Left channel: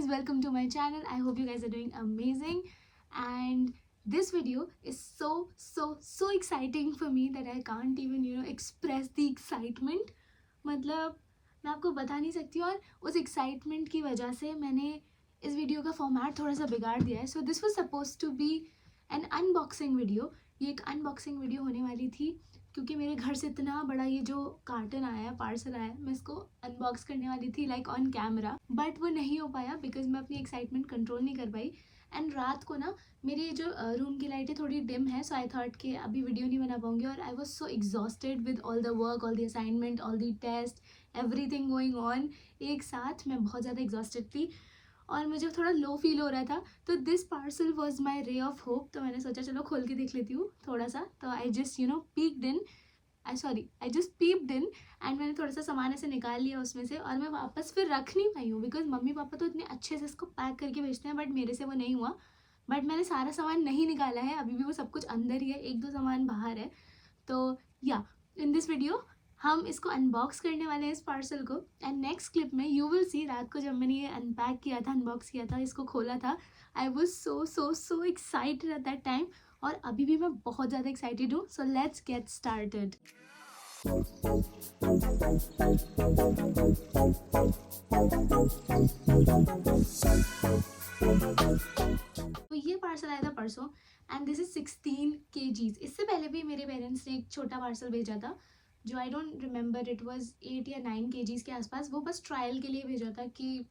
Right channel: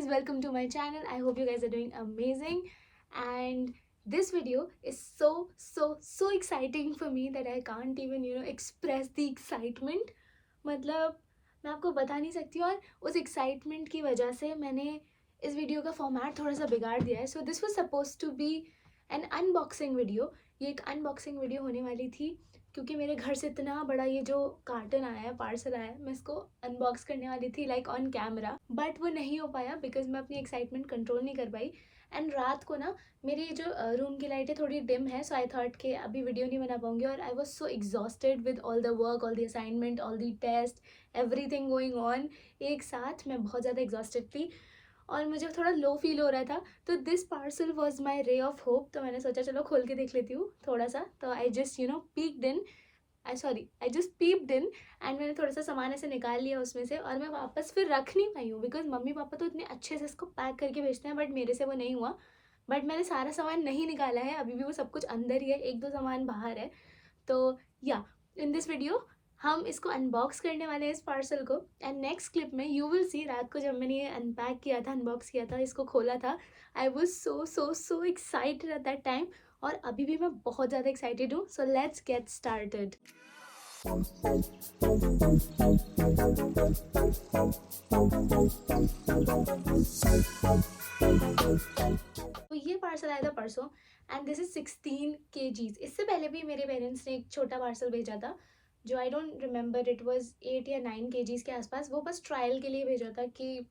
guys, welcome to my channel. I hope you guys are doing amazing, and this video is so exciting for me that I can't even express the excitement. मतलब मैं आपको बता नहीं सकती, और उस excitement की वजह से मैंने इस वीडियो का फॉर्मेट थोड़ा सा बिगाड़ दिया है. So this was suppose to be an unboxing video. ये एक अनबॉक्सिंग वीडियो होने वाली थी क्योंकि मेरे घर से इतना बड़ा ये जो कार्टन आया है, पार्सल आया है, मैं इसको अनबॉक्स करने वाली थी लाइक ऑन कैमरा, बट वो नहीं हो पाया बिकॉज मैं अपनी एक्साइटमेंट कंट्रोल नहीं कर पाई. एंड रात को ना मेरी जो रूम की लाइटें थोड़ी डिम है, सो आई थॉट कि अभी वीडियो नहीं बना पाऊंगी. और I was so exhausted with all the work, all the assignment, all the test, everything going on. एक साथ मैं बहुत ज़्यादा एग्जॉस्टेड थी और मुझे थोड़ा लो फील हो रहा था. तो this parcel was my ray of hope. तो मैंने सोचा चलो खोल के देख लेती हूँ थोड़ा सा. तो I just I just peeped in and मैंने थोड़ा सा सामान ऐसे निकाल लिया उसमें से, और मैं वापस फिर रख नहीं पाई हूँ बिकॉज मम्मी पापा तो इतने अच्छे से इसको पैक करके भेजते हैं, बट मेरे से वो नहीं हुआ. बट मैंने सारा सामान नहीं निकाला है, अभी भी वो सब कुछ अंदर ही है, एक दो सामान बाहर है. तो या इन दिस वीडियो हम इसको अनबॉक्स करने वाले हैं इस पार्सल को. एंड नेक्स्ट क्लिप में यू विल सी रात को जब मैंने ये अनपैक किया था, अनबॉक्स किया था, इसको खोला था, आई was so excited at that time. और अभी भी मैं बहुत ज़्यादा एक्साइटेड हूँ. सो लेट्स गेट स्टार्टेड. तो ये पार्सल आया था परसों एंड दिस इज 16 kgs. इससे पहले भी मेरे पेरेंट्स ने एक छोटा पार्सल भेजा था जो I don't remember, it was 8 या 9 kgs के आसपास. वो बस ट्रायल के लिए भेजा था कि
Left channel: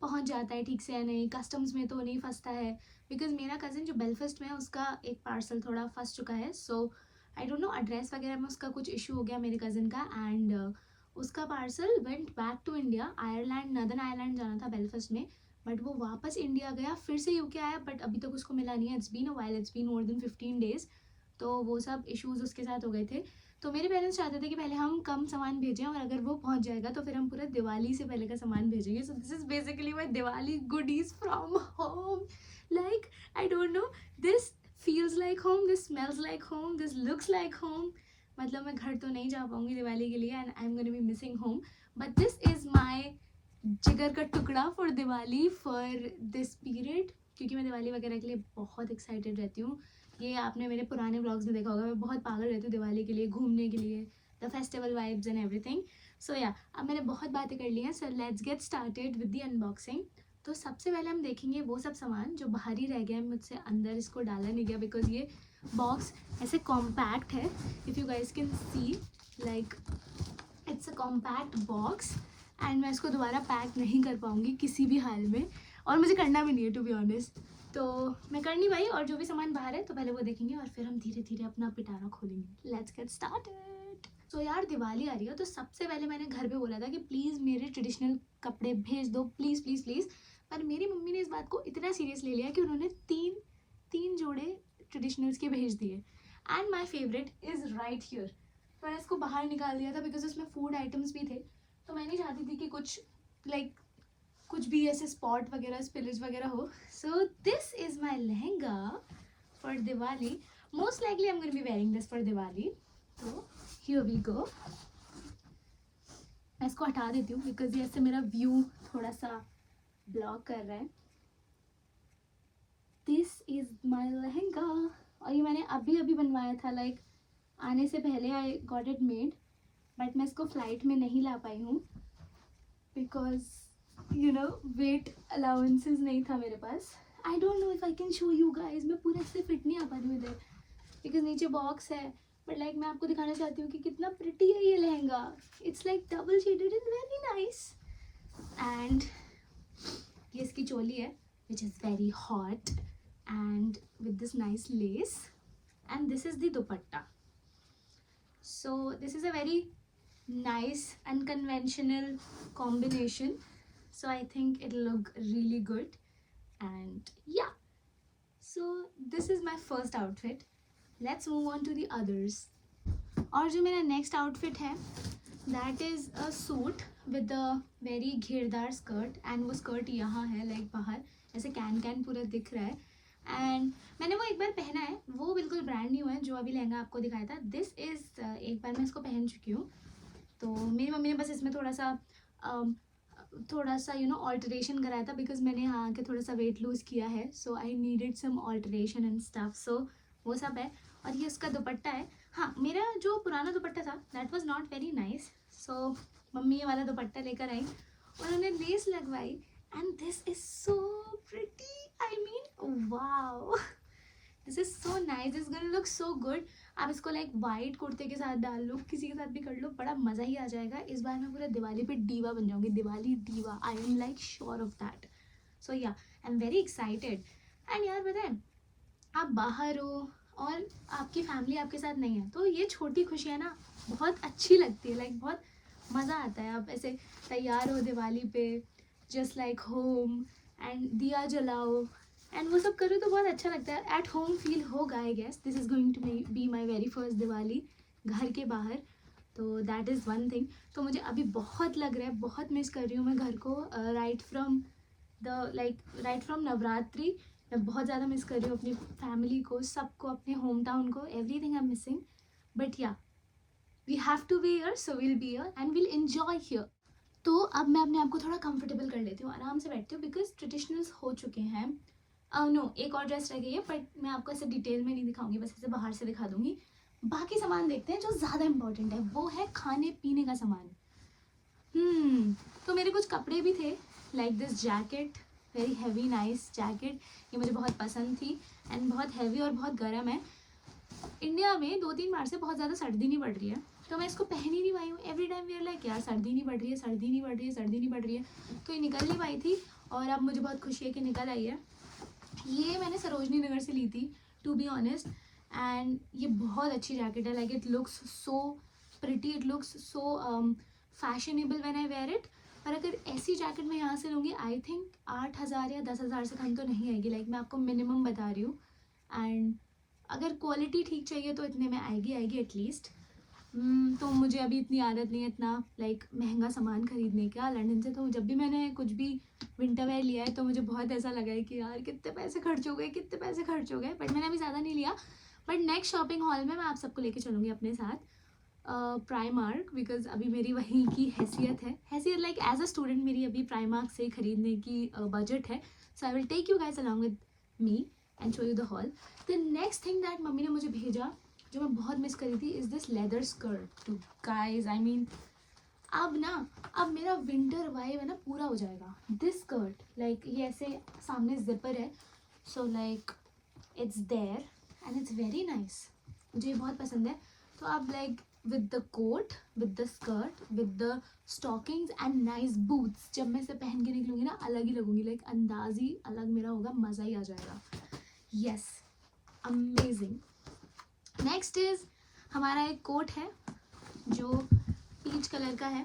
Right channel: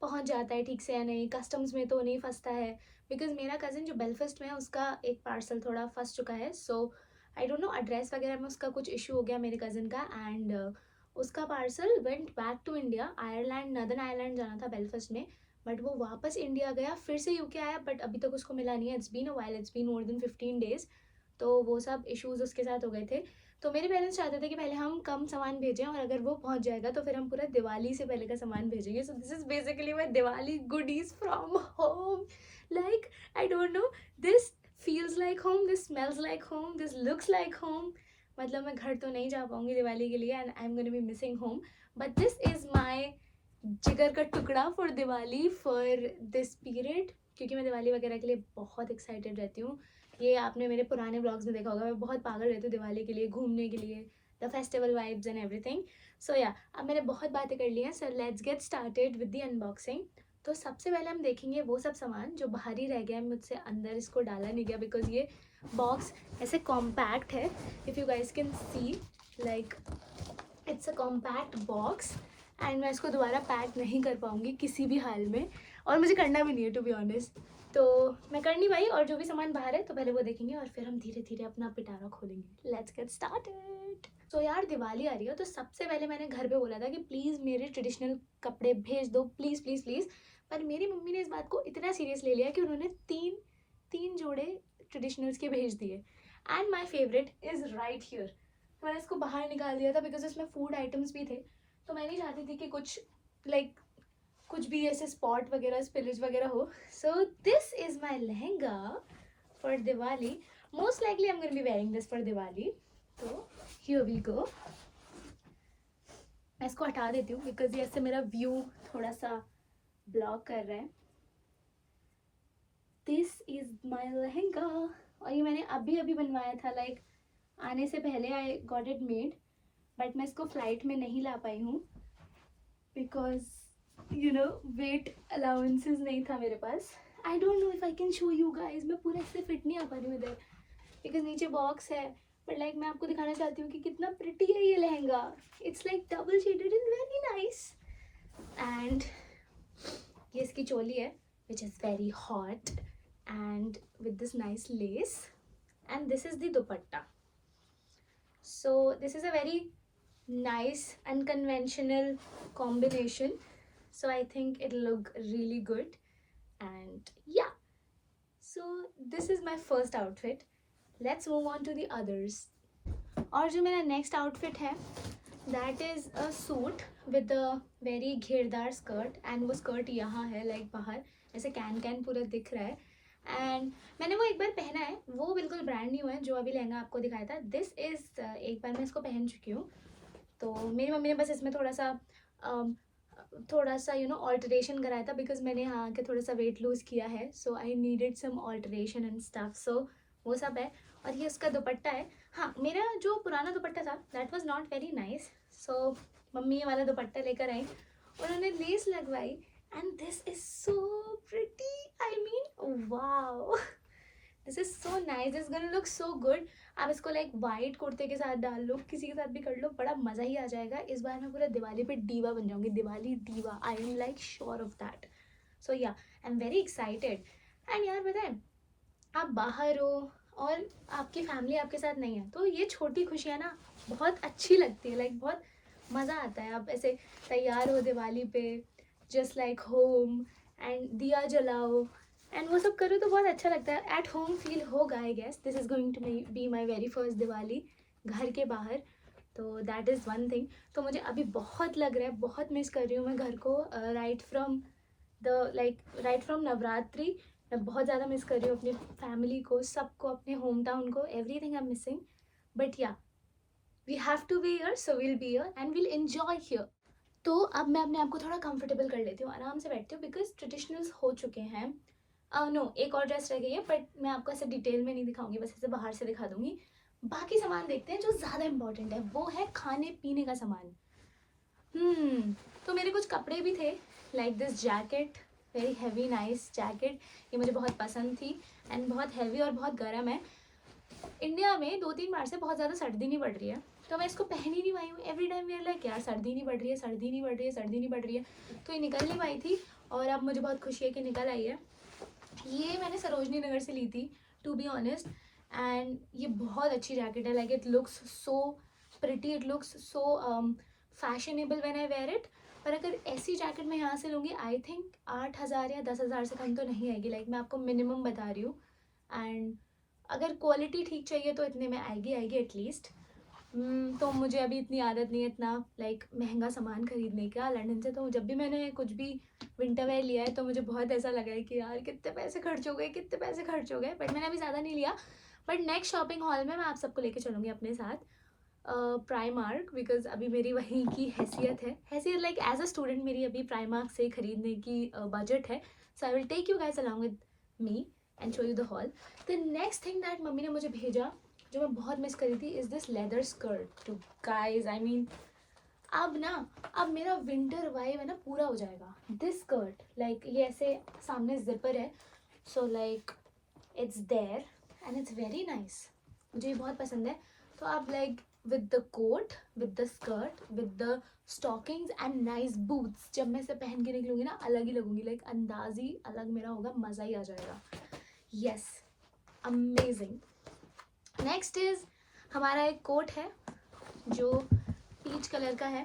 पहुंच जाता है ठीक से या नहीं, कस्टम्स में तो नहीं फंसता है. बिकॉज मेरा कज़न जो बेलफास्ट में है उसका एक पार्सल थोड़ा फंस चुका है. So I don't no, address वगैरह में उसका कुछ इशू हो गया मेरे कज़न का, एंड उसका parcel went back to India. Ireland, northern Ireland जाना था बेलफास्ट में, बट वो वापस इंडिया गया, फिर से यूके आया, बट अभी तक उसको मिला नहीं है. It's been a while, it's been more than 15 days. तो वो सब इश्यूज़ उसके साथ हो गए थे. तो मेरे पेरेंट्स चाहते थे कि पहले हम कम सामान भेजें, और अगर वो पहुंच जाएगा तो फिर हम पूरा दिवाली से पहले का सामान भेजेंगे. सो this is basically my Diwali goodies from home. Like I don't no, this feels like home, this smells like home, this looks like home. मतलब मैं घर तो नहीं जा पाऊँगी दिवाली के लिए, and I am gonna be missing home, but this is my जिगर का टुकड़ा for Diwali, for this period. क्योंकि मैं दिवाली वगैरह के लिए बहुत एक्साइटेड रहती हूँ. ये आपने मेरे पुराने ब्लॉग्स में देखा होगा, मैं बहुत पागल रहती हूँ दिवाली के लिए, घूमने के लिए, the festival vibes and everything. So yeah अब मैंने बहुत बातें कर ली हैं. So let's get started with the unboxing. तो सबसे पहले हम देखेंगे वो सब सामान जो बाहर ही रह गया है, मुझसे अंदर इसको डाला नहीं गया बिकॉज ये बॉक्स ऐसे कॉम्पैक्ट है. If you guys can see, like it's a compact box, and मैं इसको दोबारा पैक नहीं कर पाऊँगी किसी भी हाल में, और मुझे करना भी नहीं है टू बी ऑनेस्ट. तो मैं कर नहीं पाई, और जो भी सामान बाहर है तो पहले वो देखेंगे और फिर हम धीरे धीरे अपना पिटारा खोलेंगे. Let's get started. तो यार दिवाली आ रही है, तो सबसे पहले मैंने घर पे बोला था कि प्लीज़ मेरे ट्रेडिशनल कपड़े भेज दो, प्लीज़ प्लीज़ प्लीज़. पर मेरी मम्मी ने इस बात को इतना सीरियस ले लिया कि उन्होंने तीन तीन जोड़े ट्रेडिशनल्स के भेज दिए. And my favourite is right here. तो मैंने इसको बाहर निकाल दिया था बिकॉज इसमें फूड आइटम्स भी थे. तो मैं नहीं चाहती थी कि कुछ लाइक कुछ भी ऐसे स्पॉट वगैरह, स्पिलेज वगैरह हो. सो this is my lehenga for Diwali. Most likely I am gonna be wearing this for Diwali. तो हियर वी गो. मैं इसको हटा देती हूँ बिकॉज ये ऐसे मेरा व्यू थोड़ा सा ब्लॉक कर रहा है. दिस इज़ माई लहंगा, और ये मैंने अभी अभी बनवाया था, लाइक आने से पहले I got it made. But मैं इसको फ्लाइट में नहीं ला पाई हूँ बिकॉज वेट अलाउंसेस नहीं था मेरे पास. I don't know if I can show you guys. मैं पूरा इससे फिट नहीं आ पा रही हूँ इधर बिकॉज नीचे बॉक्स है, बट लाइक मैं आपको दिखाना चाहती हूँ कि कितना प्रिटी है ये lehenga. It's like double shaded and very nice. And ये इसकी चोली है which is very hot and with this nice less, and this is the dupatta. So this is a very nice unconventional combination, so I think it'll look really good. And yeah, so this is my first outfit. Let's move on to the others. और जो मेरा next outfit है that is a suit with a very घेरदार skirt, and वो skirt यहाँ है, like बाहर ऐसे कैन पूरा दिख रहा है. एंड मैंने वो एक बार पहना है, वो बिल्कुल ब्रांड न्यू है जो अभी लहंगा आपको दिखाया था. दिस इज़ एक बार मैं इसको पहन चुकी हूँ. तो मेरी मम्मी ने बस इसमें थोड़ा सा थोड़ा सा ऑल्टरेशन कराया था, बिकॉज मैंने यहाँ आके थोड़ा सा वेट लूज़ किया है, so I needed some alteration and stuff, so वो सब है। और ये उसका दुपट्टा है। हाँ, मेरा जो पुराना दुपट्टा था that was not very nice, so mummy ये वाला दुपट्टा लेकर आई, उन्होंने लेस लगवाई, and this is so pretty, I mean wow, this is so nice, this gonna look so good. आप इसको लाइक वाइट कुर्ते के साथ डाल लो, किसी के साथ भी कर लो, बड़ा मज़ा ही आ जाएगा। इस बार मैं पूरा दिवाली पे डीवा बन जाऊंगी, Diwali diva, I am like sure of that. So ya, I am very excited. And यार बताएं, आप बाहर हो और आपकी फैमिली आपके साथ नहीं है, तो ये छोटी खुशियाँ ना बहुत अच्छी लगती है, लाइक बहुत मज़ा आता है। आप ऐसे तैयार हो दिवाली पे, जस्ट लाइक होम, एंड दिया जलाओ एंड वो सब करो तो बहुत अच्छा लगता है। एट होम फील होगा, I guess this is going to be my very first Diwali घर के बाहर, तो दैट इज़ वन थिंग। तो मुझे अभी बहुत लग रहा है, बहुत मिस कर रही हूँ मैं घर को, राइट फ्रॉम नवरात्रि। मैं बहुत ज़्यादा मिस कर रही हूँ अपनी फैमिली को, सबको, अपने होम टाउन को, everything I am missing. But या, we have to be here, so will be here and will enjoy here. तो अब मैं अपने आप को थोड़ा कंफर्टेबल कर लेती हूँ, आराम से बैठती हूँ, बिकॉज ट्रेडिशनल्स हो चुके हैं। नो, एक और ड्रेस रह गई है, बट मैं आपको ऐसे डिटेल में नहीं दिखाऊंगी, बस ऐसे बाहर से दिखा दूंगी। बाकी सामान देखते हैं जो ज़्यादा इंपॉर्टेंट है, वो है खाने पीने का सामान। तो मेरे कुछ कपड़े भी थे, like this jacket, very heavy nice jacket, ये मुझे बहुत पसंद थी, एंड बहुत हैवी और बहुत गर्म है। इंडिया में 2-3 बार से बहुत ज़्यादा सर्दी नहीं बढ़ रही है, तो मैं इसको पहन ही नहीं पाई हूँ। Every time we are like यार सर्दी नहीं बढ़ रही है, सर्दी नहीं बढ़ रही है, सर्दी नहीं बढ़ रही है, तो ये निकल नहीं पाई थी, और अब मुझे बहुत खुशी है कि निकल आई है। ये मैंने सरोजनी नगर से ली थी, टू बी ऑनेस्ट, एंड ये बहुत अच्छी जैकेट है, like it looks so pretty, it looks so fashionable when I wear it. पर अगर ऐसी जैकेट मैं यहाँ से लूँगी, आई थिंक 8,000 या 10,000 से कम तो नहीं आएगी, लाइक मैं आपको मिनिमम बता रही हूँ। एंड अगर क्वालिटी ठीक चाहिए तो इतने में आएगी एटलीस्ट। तो मुझे अभी इतनी आदत नहीं है इतना लाइक महंगा सामान खरीदने का लंदन से, तो जब भी मैंने कुछ भी विंटर वेयर लिया है तो मुझे बहुत ऐसा लगा है कि यार कितने पैसे खर्च हो गए, कितने पैसे खर्च हो गए। बट मैंने अभी ज़्यादा नहीं लिया, बट नेक्स्ट शॉपिंग हॉल में मैं आप सबको लेके चलूँगी अपने साथ, प्राइमार्क, बिकॉज अभी मेरी वहीं की हैसियत लाइक एज अ स्टूडेंट मेरी अभी प्राइमार्क से खरीदने की बजट है। So I will take you guys along with me and show you the haul. The next thing that मम्मी ने मुझे भेजा, जो मैं बहुत मिस करी थी, is this leather skirt too guys, I mean अब मेरा विंटर वाइब है ना पूरा हो जाएगा। दिस स्कर्ट लाइक ये ऐसे सामने जिपर है, so like it's there and it's very nice, मुझे ये बहुत पसंद है। तो आप like with the coat, with the skirt, with the stockings and nice boots, जब मैं इसे पहन के निकलूंगी ना अलग ही लगूंगी, लाइक अंदाज ही अलग मेरा होगा, मज़ा ही आ जाएगा। Yes, amazing. नेक्स्ट इज हमारा एक कोट है जो पीच कलर का है।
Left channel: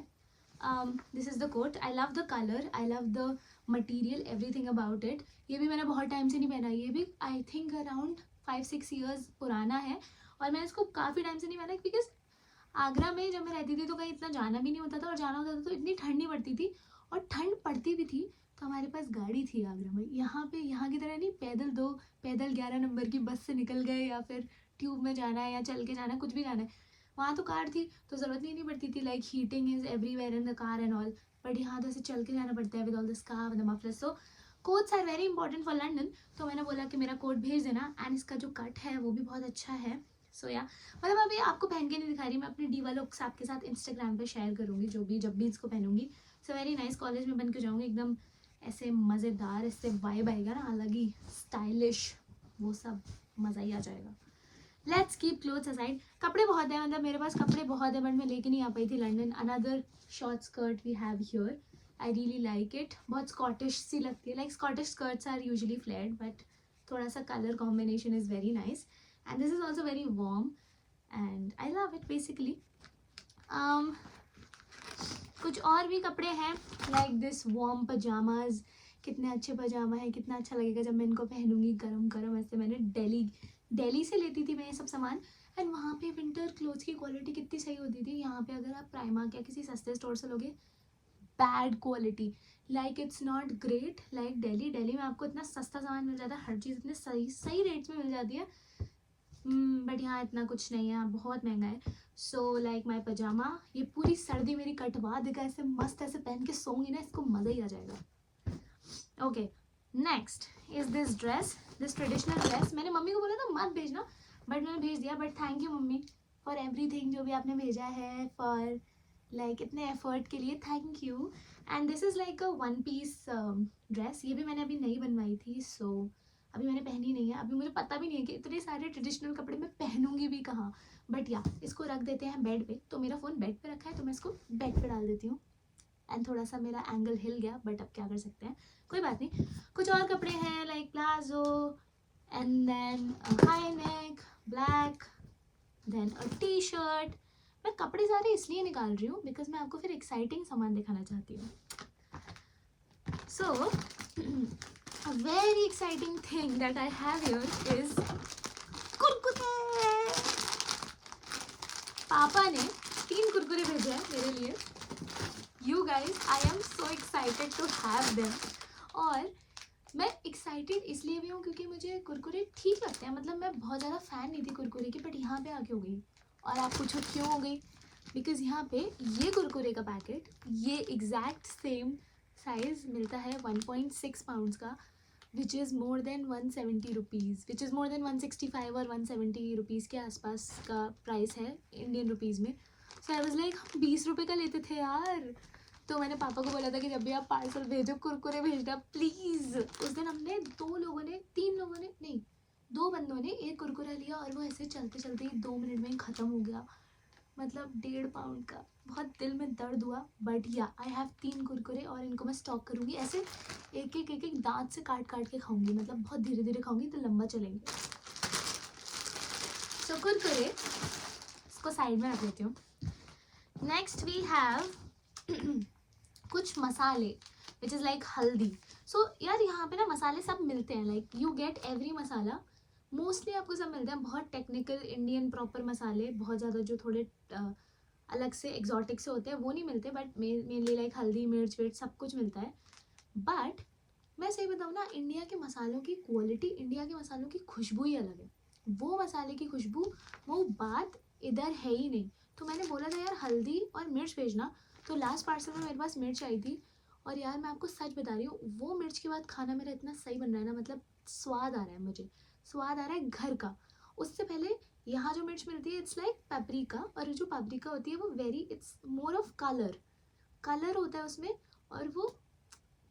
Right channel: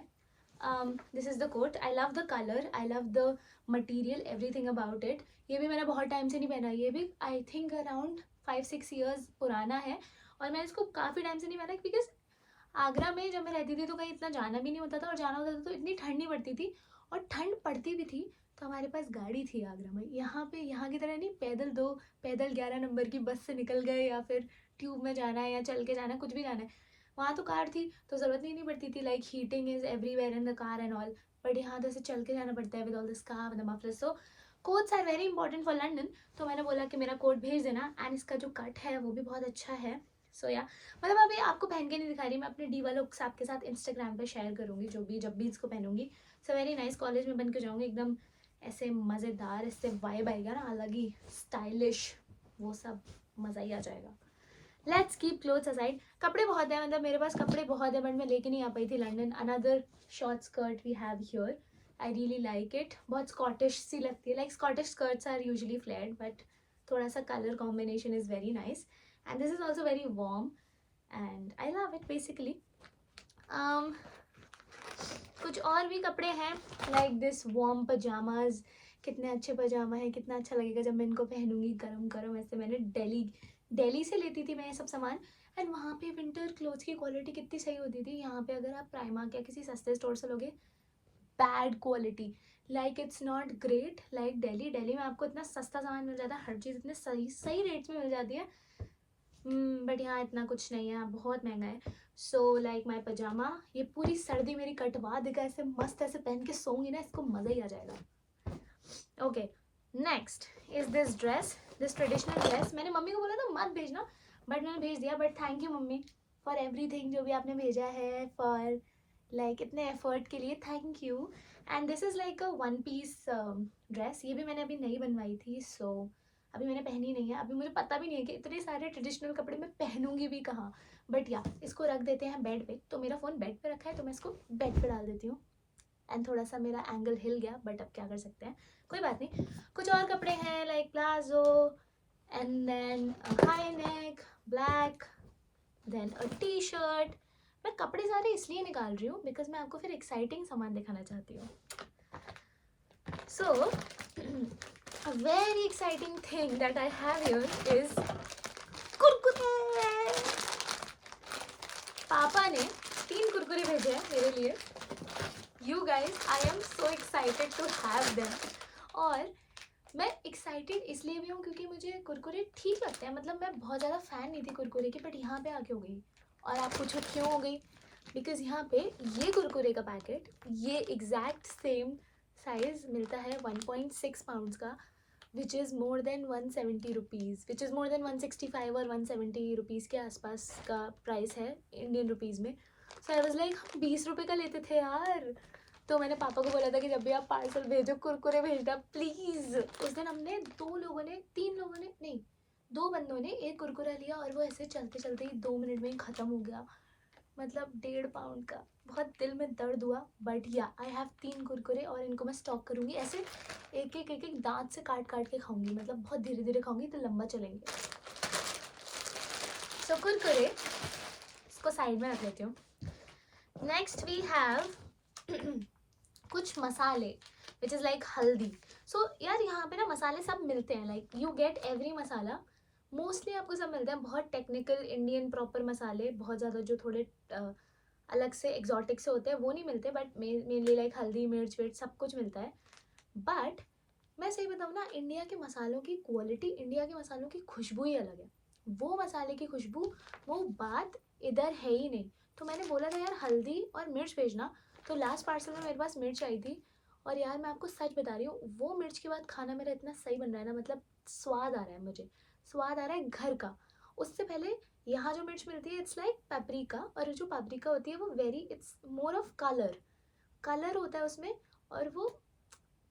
This is the coat, I love the colour, I love the material, everything about it. ये भी मैंने बहुत टाइम से नहीं पहना, ये भी आई थिंक अराउंड 5-6 ईयर्स पुराना है, और मैंने इसको काफ़ी टाइम से नहीं पहना, बिकॉज आगरा में जब मैं रहती थी तो कहीं इतना जाना भी नहीं होता था, और जाना होता था तो इतनी ठंड नहीं पड़ती थी, और ठंड पड़ती भी थी तो हमारे पास गाड़ी थी आगरा में। यहाँ पे यहाँ की तरह नहीं, पैदल 11 नंबर की बस से निकल गए, या फिर ट्यूब में जाना है या चल के जाना है, कुछ भी जाना है। वहाँ तो कार थी तो ज़रूरत ही नहीं पड़ती थी, like heating is everywhere in the car and all. But यहाँ तो ऐसे चल के जाना पड़ता है with all the scarf the muffler, so coats are very important for London. तो मैंने बोला कि मेरा कोट भेज देना, एंड इसका जो कट है वो भी बहुत अच्छा है। सो या, मतलब अभी आपको पहन के नहीं दिखा रही, मैं अपने डी वाले लुक्स आपके साथ इंस्टाग्राम पे शेयर करूँगी, जब भी इसको पहनूंगी। सो वेरी नाइस, कॉलेज में बन के जाऊँगी एकदम ऐसे मज़ेदार, इससे वाइब आएगा ना अलग ही स्टाइलिश, वो सब मज़ा ही आ जाएगा। Let's keep clothes aside. कपड़े बहुत है, मतलब मेरे पास कपड़े बहुत है, बट मैं लेके नहीं आ पाई थी London. Another short skirt we have here, I really like it, बहुत स्कॉटिश सी लगती है, like Scottish skirts are usually flat, but थोड़ा सा colour combination is very nice, and this is also very warm and I love it basically. कुछ और भी कपड़े हैं, लाइक दिस वार्म पजामाज, कितने अच्छे पजामा है, कितना अच्छा लगेगा जब मैं इनको पहनूंगी गरम गरम। ऐसे मैंने दिल्ली से लेती थी मैं ये सब सामान, एंड वहाँ पे विंटर क्लोथ्स की क्वालिटी कितनी सही होती थी। यहाँ पे अगर आप प्राइमार्क या किसी सस्ते स्टोर से लोगे, bad quality, like it's not great like Delhi में आपको इतना सस्ता सामान मिल जाता है, हर चीज़ इतने सही रेट्स में मिल जाती है, बट यहाँ इतना कुछ नहीं है, बहुत महंगा है। सो लाइक माई पजामा, ये पूरी सर्दी मेरी कटवा देगा, ऐसे मस्त ऐसे पहन के सोऊंगी ना, इसको मज़ा ही आ जाएगा। Okay, next is this dress, this traditional dress. मैंने मम्मी को बोला था मत भेजना, बट मैंने भेज दिया। But thank you mummy for everything, जो भी आपने भेजा है, फॉर लाइक इतने एफर्ट के लिए, thank you. And this is like a one piece dress, ये भी मैंने अभी नई बनवाई थी, सो अभी मैंने पहनी नहीं है। अभी मुझे पता भी नहीं है कि इतने सारे ट्रेडिशनल कपड़े मैं पहनूंगी भी कहाँ, बट या इसको रख देते हैं बेड पे। तो मेरा फ़ोन बेड पे रखा है, तो मैं इसको बेड पे डाल देती हूँ। एंड थोड़ा सा मेरा एंगल हिल गया, बट अब क्या कर सकते हैं, कोई बात नहीं। कुछ और कपड़े हैं like palazzo, and then high neck black, then a T shirt. मैं कपड़े सारे इसलिए निकाल रही हूँ बिकॉज मैं आपको फिर एक्साइटिंग सामान दिखाना चाहती हूँ। सो a very exciting thing that I have here is Kurkure. पापा ने 3 कुरकुरे भेजे हैं मेरे लिए। You guys, I am so excited to have them। और मैं एक्साइटेड इसलिए भी हूँ क्योंकि मुझे कुरकुरे ठीक लगते हैं, मतलब मैं बहुत ज़्यादा फ़ैन नहीं थी कुरकुरे की, बट यहाँ पे आके हो गई। और आप पूछो क्यों हो गई, बिकॉज़ यहाँ पे ये कुरकुरे का पैकेट, ये एग्जैक्ट सेम साइज़ मिलता है 1.6 पाउंड्स का, which is more than 170 rupees, which is more than 165 और 170 रुपीज़ के आसपास का प्राइस है इंडियन रुपीज़ में। सो आई वॉज लाइक हम 20 रुपये का लेते थे यार। तो मैंने पापा को बोला था कि जब भी आप पार्सल भेजो कुरकुरे भेजना प्लीज़। उस दिन हमने 2 लोगों ने, 3 लोगों ने नहीं, 2 बंदों ने एक कुरकुरा लिया और वो ऐसे चलते चलते ही 2 मिनट में ही ख़त्म हो गया, मतलब 1.5 पाउंड का। बहुत दिल में दर्द हुआ, बट या आई हैव 3 कुरकुरे और इनको मैं स्टॉक करूँगी ऐसे, एक एक दांत से काट काट के खाऊंगी, मतलब बहुत धीरे धीरे खाऊंगी तो लंबा चलेंगे। सो कुरकुरे इसको साइड में रख लेती हूँ। नेक्स्ट वी हैव कुछ मसाले विच इज़ लाइक हल्दी। सो यार यहाँ पे ना मसाले सब मिलते हैं, like you get every masala, mostly आपको सब मिलते हैं। बहुत टेक्निकल इंडियन प्रॉपर मसाले, बहुत ज़्यादा जो थोड़े अलग से एग्जॉटिक से होते हैं वो नहीं मिलते, बट मेनली लाइक हल्दी मिर्च विर्च सब कुछ मिलता है। बट मैं सही बताऊँ ना, इंडिया के मसालों की क्वालिटी, इंडिया के मसालों की खुशबू ही अलग है। वो मसाले की खुशबू, वो बात इधर है ही नहीं। तो मैंने बोला था यार हल्दी और मिर्च भेजना, तो लास्ट पार्सल में मेरे पास मिर्च आई थी, और यार मैं आपको सच बता रही हूँ, वो मिर्च के बाद खाना मेरा इतना सही बन रहा है ना, मतलब स्वाद आ रहा है, मुझे स्वाद आ रहा है घर का। उससे पहले यहाँ जो मिर्च मिलती है इट्स लाइक पेपरिका, और जो पेपरिका होती है वो very, it's more of colour, colour होता है उसमें, और वो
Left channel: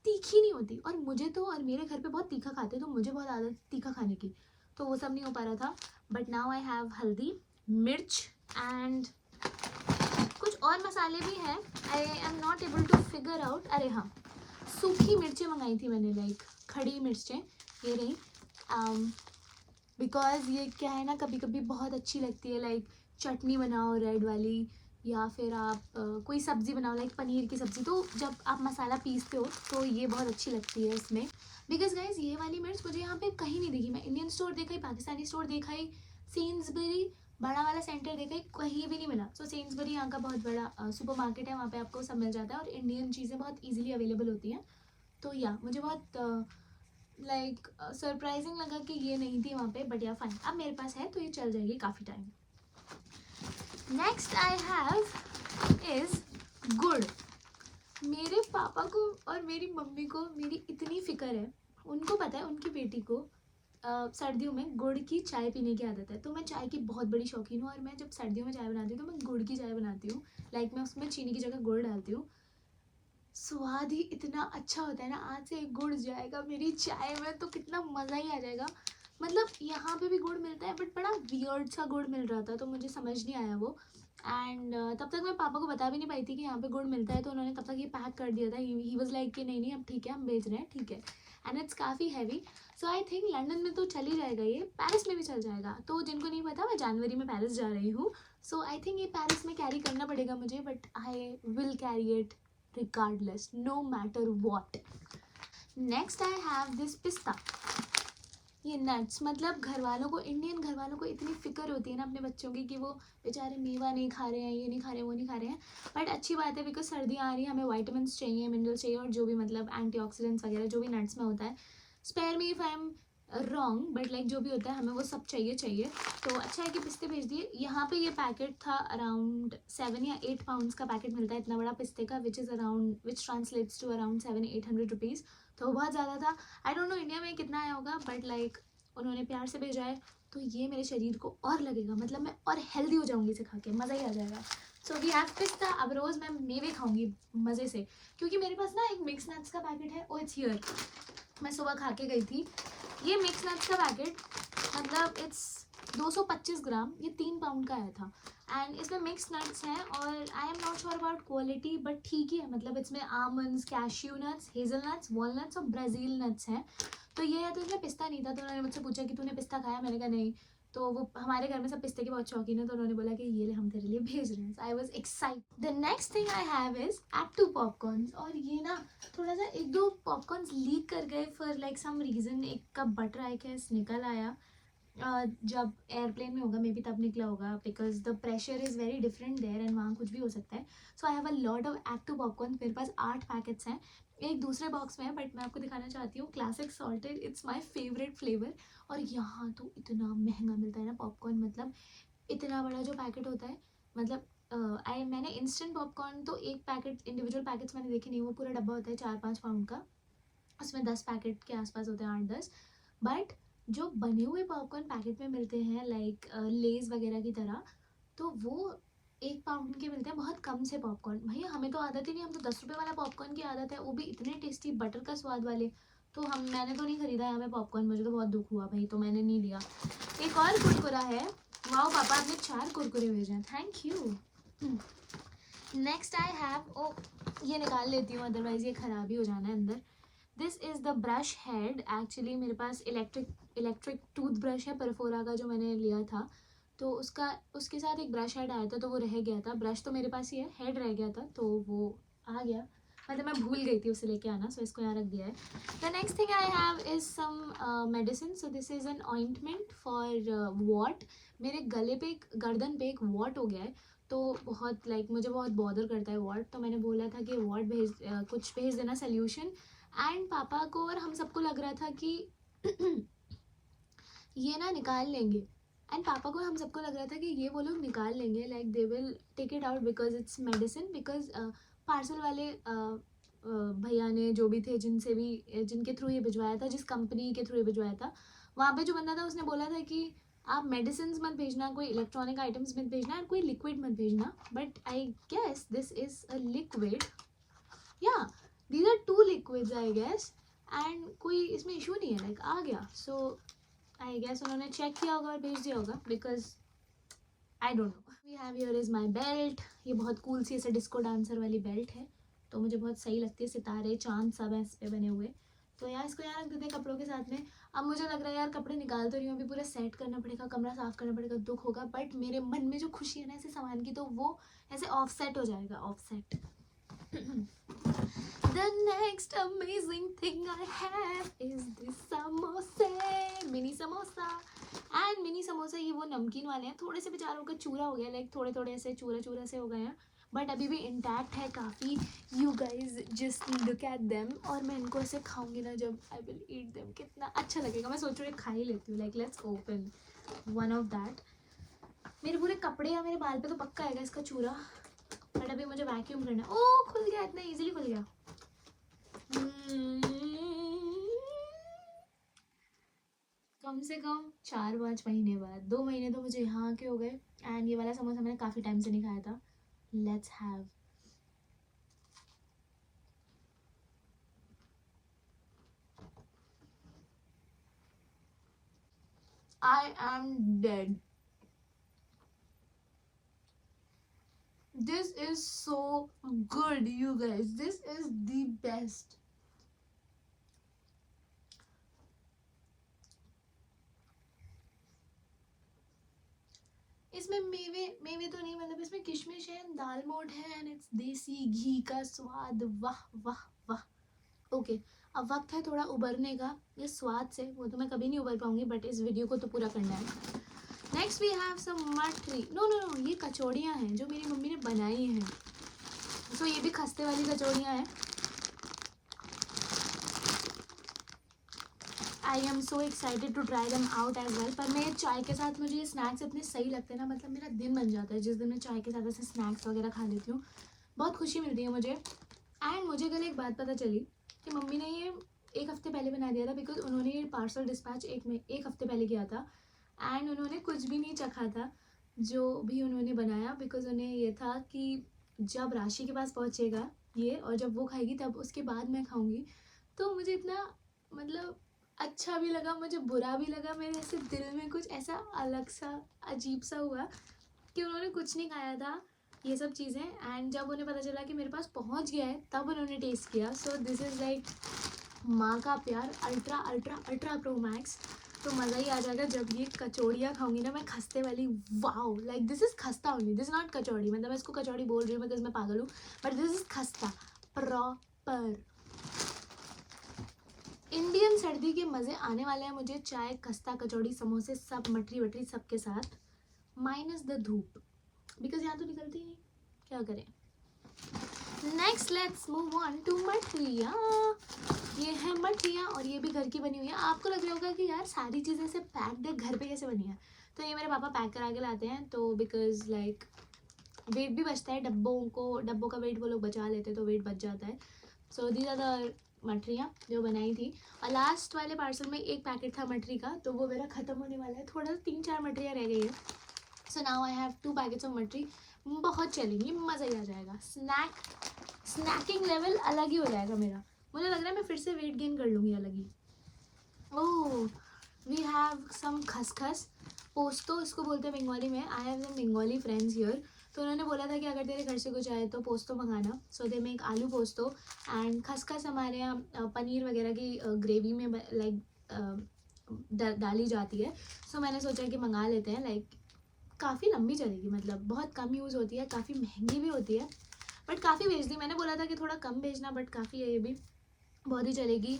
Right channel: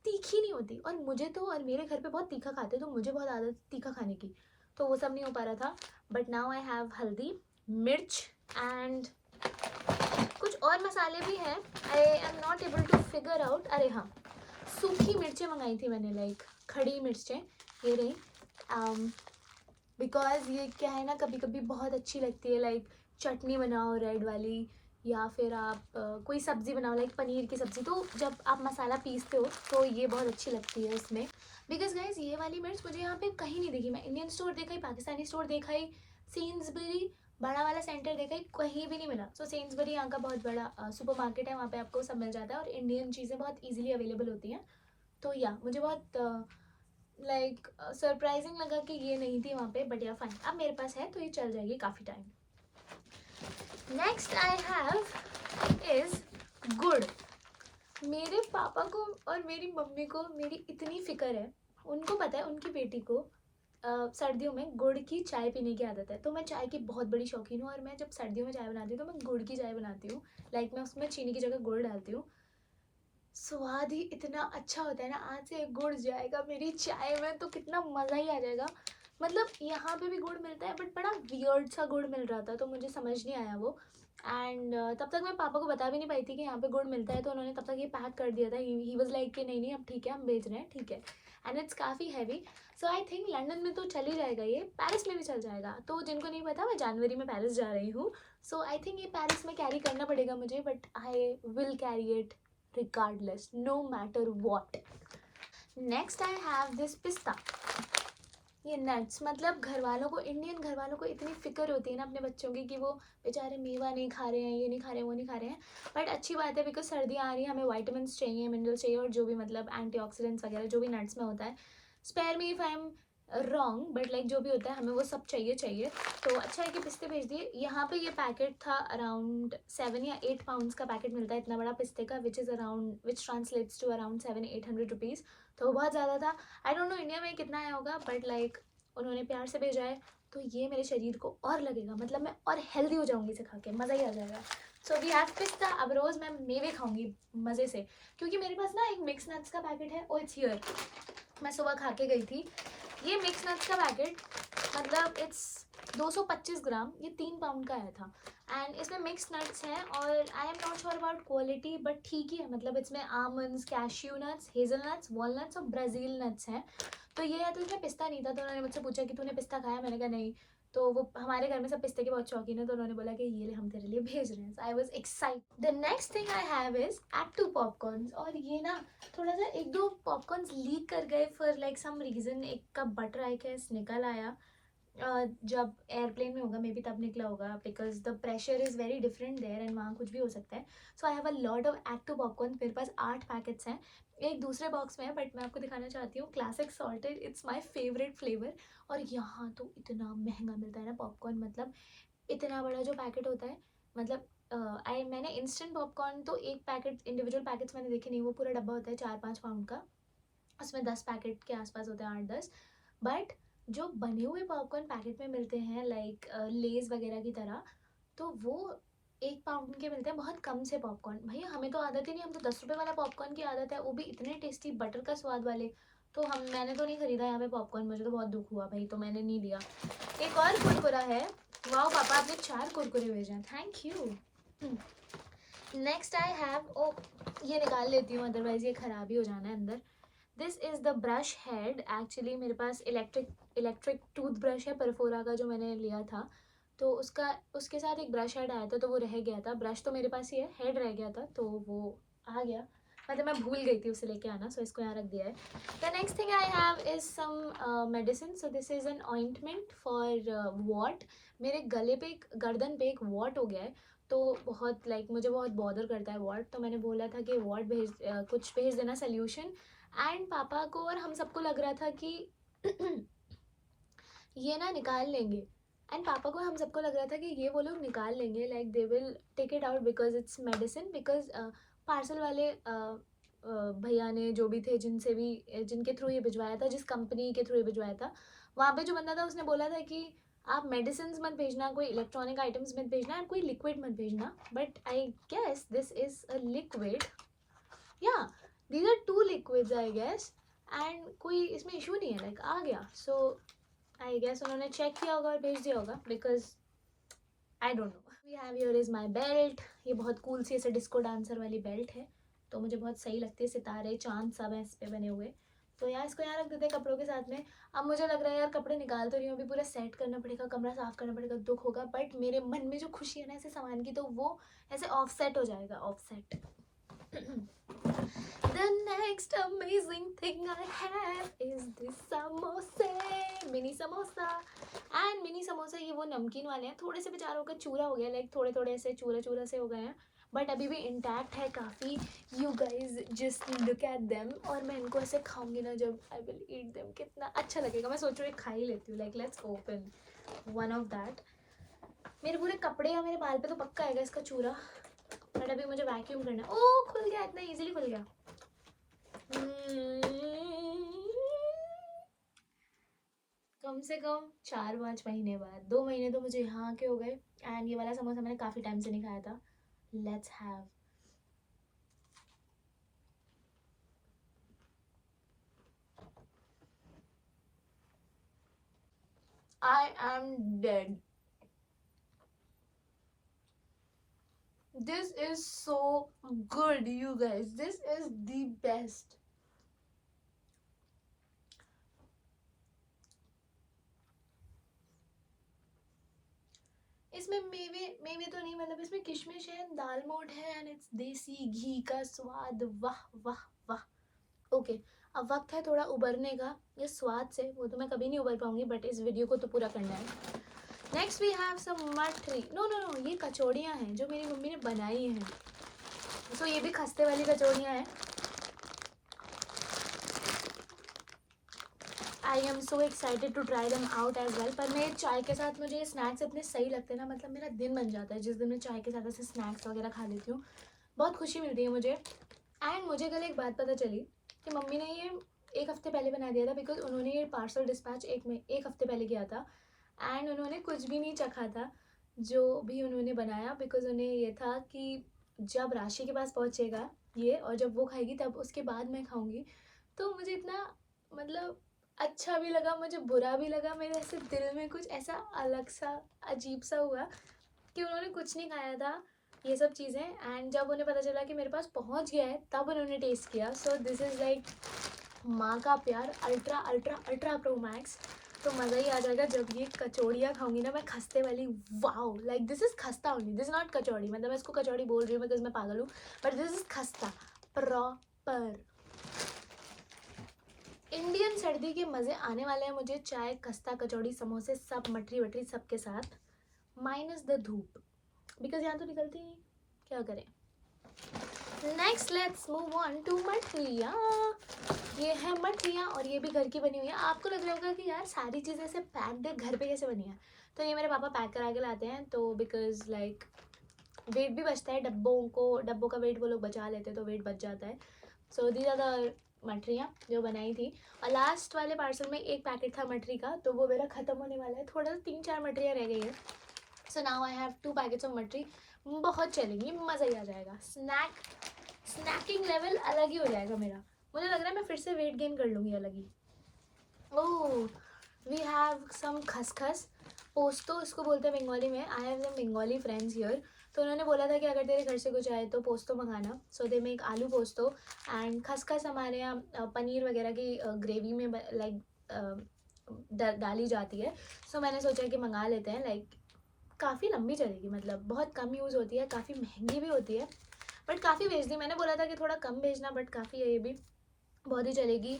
तीखी नहीं होती। और मुझे तो, और मेरे घर पे बहुत तीखा खाते हैं, तो मुझे बहुत आदत तीखा खाने की, तो वो सब नहीं हो पा रहा था। बट नाउ आई हैव हल्दी, मिर्च एंड कुछ और मसाले भी हैं, I am not able to figure out. अरे हाँ, सूखी मिर्चें मंगाई थी मैंने, लाइक खड़ी मिर्चें, ये रही। बिकॉज ये क्या है ना, कभी कभी बहुत अच्छी लगती है, लाइक चटनी बनाओ रेड वाली, या फिर आप कोई सब्ज़ी बनाओ लाइक पनीर की सब्ज़ी, तो जब आप मसाला पीसते हो तो ये बहुत अच्छी लगती है इसमें। बिकॉज गाइज ये वाली मिर्च मुझे यहाँ पे कहीं नहीं दिखी। मैं इंडियन स्टोर देखा ही, पाकिस्तानी स्टोर देखा ही, सेंसबरी बड़ा वाला सेंटर देखा ही, कहीं भी नहीं मिला। सो सेंसबरी यहाँ का बहुत बड़ा सुपर मार्केट है, वहाँ पे आपको सब मिल जाता है, और इंडियन चीज़ें बहुत ईजिली अवेलेबल होती हैं। तो या मुझे बहुत लाइक सरप्राइजिंग लगा कि ये नहीं थी वहाँ पे, बट या फाइन, अब मेरे पास है तो ये चल जाएगी काफ़ी time. Next I have is गुड़। मेरे पापा को और मेरी मम्मी को मेरी इतनी फ़िक्र है, उनको पता है उनकी बेटी को सर्दियों में गुड़ की चाय पीने की आदत है। तो मैं चाय की बहुत बड़ी शौकीन हूँ, और मैं जब सर्दियों में चाय बनाती हूँ तो मैं गुड़ की चाय बनाती हूँ, लाइक मैं उसमें चीनी की जगह गुड़ डालती हूँ। स्वाद ही इतना अच्छा होता है ना, आज से गुड़ जाएगा मेरी चाय में तो कितना मज़ा ही आ जाएगा। मतलब यहाँ पे भी गुड़ मिलता है, बट बड़ा वियर्ड सा गुड़ मिल रहा था, तो मुझे समझ नहीं आया वो। एंड तब तक मैं पापा को बता भी नहीं पाई थी कि यहाँ पे गुड़ मिलता है, तो उन्होंने तब तक ये पैक कर दिया था। ही वॉज लाइक कि नहीं नहीं अब ठीक है, हम भेज रहे हैं, ठीक है। एंड इट्स काफ़ी heavy, so I think London में तो चल ही जाएगा, ये पेरिस में भी चल जाएगा। तो जिनको नहीं पता, मैं जनवरी में पेरिस जा रही हूँ, सो आई थिंक ये पेरिस में कैरी करना पड़ेगा मुझे, but I will carry it regardless, no matter what. Next I have this pista। ये नट्स, मतलब घर वालों को, इंडियन घर वालों को इतनी फिक्र होती है ना अपने बच्चों की, कि वो बेचारे मेवा नहीं खा रहे हैं, ये नहीं खा रहे हैं, वो नहीं खा रहे हैं। बट अच्छी बात है, बिकॉज सर्दियाँ आ रही हैं, हमें वाइटामिन चाहिए, मिनरल्स चाहिए, और जो भी मतलब एंटीऑक्सीडेंट्स वगैरह जो भी नट्स में होता है। Spare me if I am wrong, but like जो भी होता है हमें वो सब चाहिए। तो अच्छा है कि पिस्ते भेज दिए। यहाँ पे ये पैकेट था अराउंड 7 या 8 पाउंड्स का पैकेट मिलता है इतना बड़ा पिस्ते का, विच ट्रांसलेट्स टू अराउंड 700-800 रुपीज़। तो वो बहुत ज़्यादा था। आई डोंट नो इंडिया में कितना आया होगा, बट लाइक उन्होंने प्यार से भेजा है, तो ये मेरे शरीर को और लगेगा, मतलब मैं और हेल्दी हो जाऊँगी इसे खा के, मज़ा ही आ जाएगा। सो वी हैव पिस्ता। अब रोज़ मैं मेवे खाऊंगी मज़े से, क्योंकि मेरे पास ना एक मिक्स नट्स का पैकेट है। ओ इट्स हियर, मैं सुबह खा के गई थी। ये मिक्स नट्स का पैकेट, मतलब इट्स 225 ग्राम, ये 3 पाउंड का आया था। एंड इसमें मिक्स नट्स हैं, और आई am not sure about quality, but ठीक ही है। मतलब इसमें almonds, cashew nuts, hazel nuts, walnuts और ब्राज़ील नट्स हैं। तो ये है, तो इसमें पिस्ता नहीं था। तो उन्होंने मुझसे पूछा कि तूने पिस्ता खाया, मैंने कहा नहीं। तो वो हमारे घर में सब पिस्ते के बहुत शौकीन है, तो उन्होंने बोला कि ये ले हम तेरे लिए भेज रहे हैं। I was excited. The next thing I have is Act II popcorns. और ये ना थोड़ा सा 1-2 पॉपकॉर्न्स लीक कर गए फॉर लाइक सम रीज़न। एक का बटर आई गैस निकल आया, जब एयरप्लेन में होगा मे बी तब निकला होगा, because the pressure is very different there and वहाँ कुछ भी हो सकता है। So I have a lot of Act II popcorn. मेरे पास 8 पैकेट्स हैं, एक दूसरे बॉक्स में है, बट मैं आपको दिखाना चाहती हूँ। Classic salted, it's my favourite flavour. और यहाँ तो इतना महंगा मिलता है ना पॉपकॉर्न, मतलब इतना बड़ा जो पैकेट होता है, मतलब मैंने इंस्टेंट पॉपकॉर्न तो एक पैकेट, इंडिविजुअल पैकेट्स मैंने देखे नहीं, वो पूरा डब्बा होता है 4-5 पाउंड का, उसमें 10 पैकेट के आसपास होते हैं, 8-10। बट जो बने हुए पॉपकॉर्न पैकेट में मिलते हैं लाइक लेज़ वगैरह की तरह, तो वो 1 पाउंड के मिलते हैं, बहुत कम से पॉपकॉर्न। भैया हमें तो आदत ही नहीं, हम तो 10 रुपये वाला पॉपकॉर्न की आदत है, वो भी इतने टेस्टी बटर का स्वाद वाले। तो मैंने तो नहीं खरीदा यहाँ पे पॉपकॉर्न, मुझे तो बहुत दुख हुआ भाई, तो मैंने नहीं लिया। एक और कुरकुरा है। वाह पापा, आपने 4 कुरकुरे भेजे हैं, thank you. Next I have, oh ये निकाल लेती हूँ, अदरवाइज ये ख़राब ही हो जाना है अंदर। This is the brush head. Actually मेरे पास इलेक्ट्रिक टूथ ब्रश है परफोरा का, जो मैंने लिया था, तो उसके साथ एक ब्रश हेड आया था, तो वो रह गया था। ब्रश तो मेरे पास ही है, हेड रह गया था, तो वो आ गया, मतलब मैं भूल गई थी उसे लेके आना, सो इसको यहाँ रख दिया है। The next thing I have is some medicine. So this is an ointment for what. मेरे गले पे, गर्दन पे एक वॉट हो गया है, तो बहुत लाइक मुझे बहुत बॉदर करता है वॉट। तो मैंने बोला था कि वॉट कुछ भेज देना सोल्यूशन। एंड पापा को और हम सबको लग रहा था कि ये ना निकाल लेंगे। एंड पापा को हम सबको लग रहा था कि ये वो लोग निकाल लेंगे, like they will take it out because it's medicine. Because parcel वाले भैया ने, जो भी थे, जिनके थ्रू ये भिजवाया था, जिस कंपनी के थ्रू ये भिजवाया था, वहाँ पे जो बंदा था उसने बोला था कि आप मेडिसिन मत भेजना, कोई इलेक्ट्रॉनिक आइटम्स मत भेजना, एंड कोई लिक्विड मत भेजना। But I guess this is a liquid, या these are 2 liquids I guess. And कोई इसमें इशू नहीं है, लाइक आ गया। सो आई गेस उन्होंने चेक किया होगा और भेज दिया होगा, because I don't know. We have here is my belt. ये बहुत कूल सी ऐसे डिस्को डांसर वाली बेल्ट है, तो मुझे बहुत सही लगती है, सितारे चांद सब हैं इस पर बने हुए। तो यार इसको यहाँ रख देते हैं कपड़ों के साथ में। अब मुझे लग रहा है यार कपड़े निकाल तो रही हूँ, अभी पूरा सेट करना पड़ेगा, कमरा साफ़ करना पड़ेगा, दुख होगा, बट मेरे मन में जो खुशी है ना ऐसे सामान की, तो वो ऐसे ऑफ सेट हो जाएगा, of set. The next amazing thing I have is this samosa, mini samosa। And mini samosa ये वो नमकीन वाले हैं, थोड़े से बेचारों का चूरा हो गया, लाइक थोड़े थोड़े ऐसे चूरा से हो गए हैं, बट अभी भी इंटैक्ट है काफ़ी। You guys just look at them. और मैं इनको ऐसे खाऊंगी ना, जब आई विल ईट देम, कितना अच्छा लगेगा। मैं सोच रही हूँ खा ही लेती हूँ, like let's open one of that. मेरे पूरे कपड़े या मेरे बाल पे तो पक्का आएगा इसका चूरा, बट अभी मुझे वैक्यूम करना है। ओ खुल गया, इतना ईजिली खुल गया। कम से कम 4-5 महीने बाद, 2 महीने तो मुझे यहाँ के हो गए। एंड ये वाला समोसा मैंने काफ़ी टाइम से नहीं खाया था। Let's have. I am dead. This is so good you guys, this is the best. इसमें मेवे तो नहीं, मतलब इसमें किशमिश है, दाल मोठ है, एंड इट्स देसी घी का स्वाद। वाह वाह वाह। ओके, अब वक्त है थोड़ा उबरने का इस स्वाद से। वो तो मैं कभी नहीं उबर पाऊंगी, बट इस वीडियो को तो पूरा करना है। नेक्स्ट वी हैव सम मठरी। नो नो नो, ये कचौड़ियाँ हैं जो मेरी मम्मी ने बनाई हैं। सो ये भी खस्ते वाली कचौड़ियाँ हैं। I am so excited to try them out as well. पर मैं चाय के साथ मुझे ये स्नैक्स इतने सही लगते हैं ना, मतलब मेरा दिन बन जाता है जिस दिन मैं चाय के साथ ऐसे स्नैक्स वगैरह खा लेती हूँ, बहुत खुशी मिलती है मुझे। एंड मुझे कल एक बात पता चली कि मम्मी ने ये एक हफ़्ते पहले बना दिया था, बिकॉज उन्होंने ये पार्सल डिस्पैच एक हफ़्ते पहले किया था। एंड उन्होंने कुछ भी नहीं चखा था जो भी उन्होंने बनाया, बिकॉज उन्हें ये था कि जब राशि के पास पहुँचेगा ये, और जब वो खाएगी तब उसके बाद मैं खाऊंगी। तो मुझे इतना मतलब अच्छा भी लगा, मुझे बुरा भी लगा, मेरे ऐसे दिल में कुछ ऐसा अलग सा अजीब सा हुआ कि उन्होंने कुछ नहीं खाया था ये सब चीज़ें। एंड जब उन्हें पता चला कि मेरे पास पहुंच गया है तब उन्होंने टेस्ट किया। सो दिस इज़ लाइक माँ का प्यार ultra ultra ultra pro max. तो मज़ा ही आ जाएगा जब ये कचौड़ियाँ खाऊंगी ना मैं, खस्ते वाली। वाओ, लाइक दिस इज़ खस्ता ओनली, दिस नॉट कचौड़ी। मतलब मैं इसको कचौड़ी बोल रही हूँ बिकॉज मैं पागल हूँ, बट दिस इज़ खस्ता प्रॉपर। इंडियन सर्दी के मज़े आने वाले हैं मुझे, चाय खस्ता कचौड़ी समोसे सब मटरी वटरी सब के साथ, माइनस द धूप, बिकॉज यहाँ तो निकलती नहीं, क्या करें। Next let's move on to मठरिया। ये है मठरिया और ये भी घर की बनी हुई है। आपको लग रहा होगा कि यार सारी चीज़ें ऐसे पैक्ड है, घर पे कैसे बनी है? तो ये मेरे पापा पैक करा के लाते हैं, तो बिकॉज लाइक वेट भी बचता है, डब्बों का वेट वो लोग बचा लेते हैं, तो वेट बच जाता है। सो दीज आर द मठरियाँ जो बनाई थी। और लास्ट वाले पार्सल में एक पैकेट था मठरी का, तो वो मेरा ख़त्म होने वाला है, थोड़ा 3-4 मठरियाँ रह गई है। So now I have 2 packets of mathri. बहुत चलेंगी, मज़ा ही आ जाएगा। स्नैकिंग लेवल अलग ही हो जाएगा मेरा। मुझे लग रहा है मैं फिर से वेट गेन कर लूँगी अलग ही। ओह, वी हैव सम खसखस पोस्तो, इसको बोलते हैं बंगाली में। I have some Bengali friends here, तो उन्होंने बोला था कि अगर तेरे घर से कुछ आए तो पोस्तो मंगाना। सो दे मेक आलू पोस्तो। एंड खसखस हमारे यहाँ पनीर वगैरह की ग्रेवी में लाइक डाली जाती है। सो मैंने सोचा कि मंगा लेते हैं, लाइक काफ़ी लंबी चलेगी, मतलब बहुत कम यूज़ होती है, काफ़ी महंगी भी होती है, बट काफ़ी भेज दी। मैंने बोला था कि थोड़ा कम भेजना, बट काफ़ी है ये भी, बहुत ही चलेगी।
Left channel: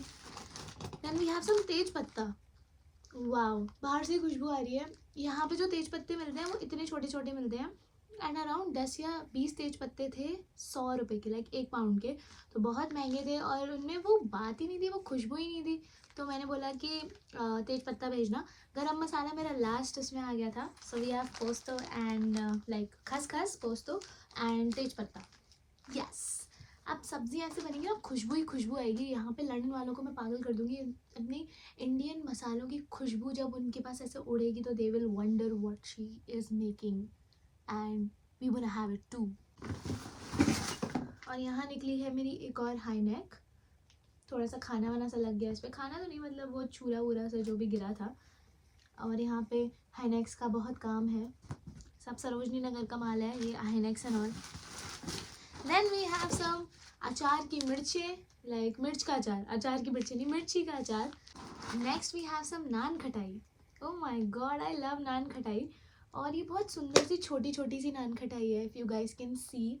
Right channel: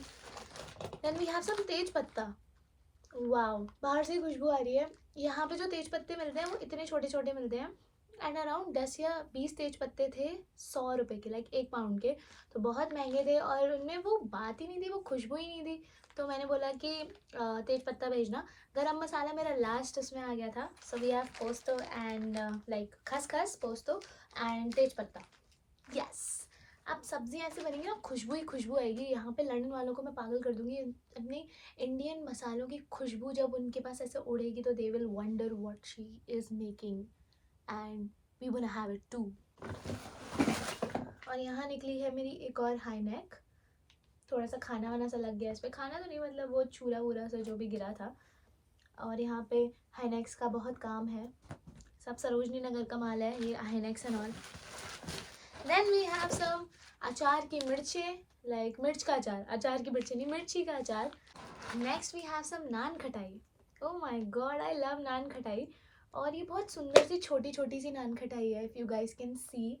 देन वी हैव सम तेज पत्ता। वाओ, बाहर से ही खुशबू आ रही है। यहाँ पे जो तेज पत्ते मिलते हैं वो इतने छोटे छोटे मिलते हैं, एंड अराउंड 10 या 20 तेज पत्ते थे 100 रुपये के, लाइक 1 पाउंड के। तो बहुत महंगे थे और उनमें वो बात ही नहीं थी, वो खुशबू ही नहीं थी। तो मैंने बोला कि तेज पत्ता भेजना। गरम मसाला मेरा लास्ट उसमें आ गया था। So we have posto and like खसखस, पोस्तो एंड तेज पत्ता। यस, अब सब्ज़ी ऐसे बनेंगी ना, खुशबू ही खुशबू आएगी। यहाँ पे लंदन वालों को मैं पागल कर दूँगी अपनी इंडियन मसालों की खुशबू जब उनके पास ऐसे उड़ेगी, तो they will wonder what she is making and we wanna have it too. और यहाँ निकली है मेरी एक और हाई नेक। थोड़ा सा खाना वाना सा लग गया इस पर, खाना तो नहीं मतलब वो चूरा वूरा सा जो भी गिरा था। और यहाँ पे हाईनेक्स का बहुत काम है, सब सरोजनी नगर का माल है ये highnecks and all. Then we have some अचार की मिर्चें, लाइक मिर्च का अचार, अचार की मिर्चें नहीं, मिर्ची का अचार। Next we have some nankhatai. Oh my god, I love nankhatai. और ये बहुत सुंदर सी छोटी छोटी सी नान खटाई है, if you guys can see.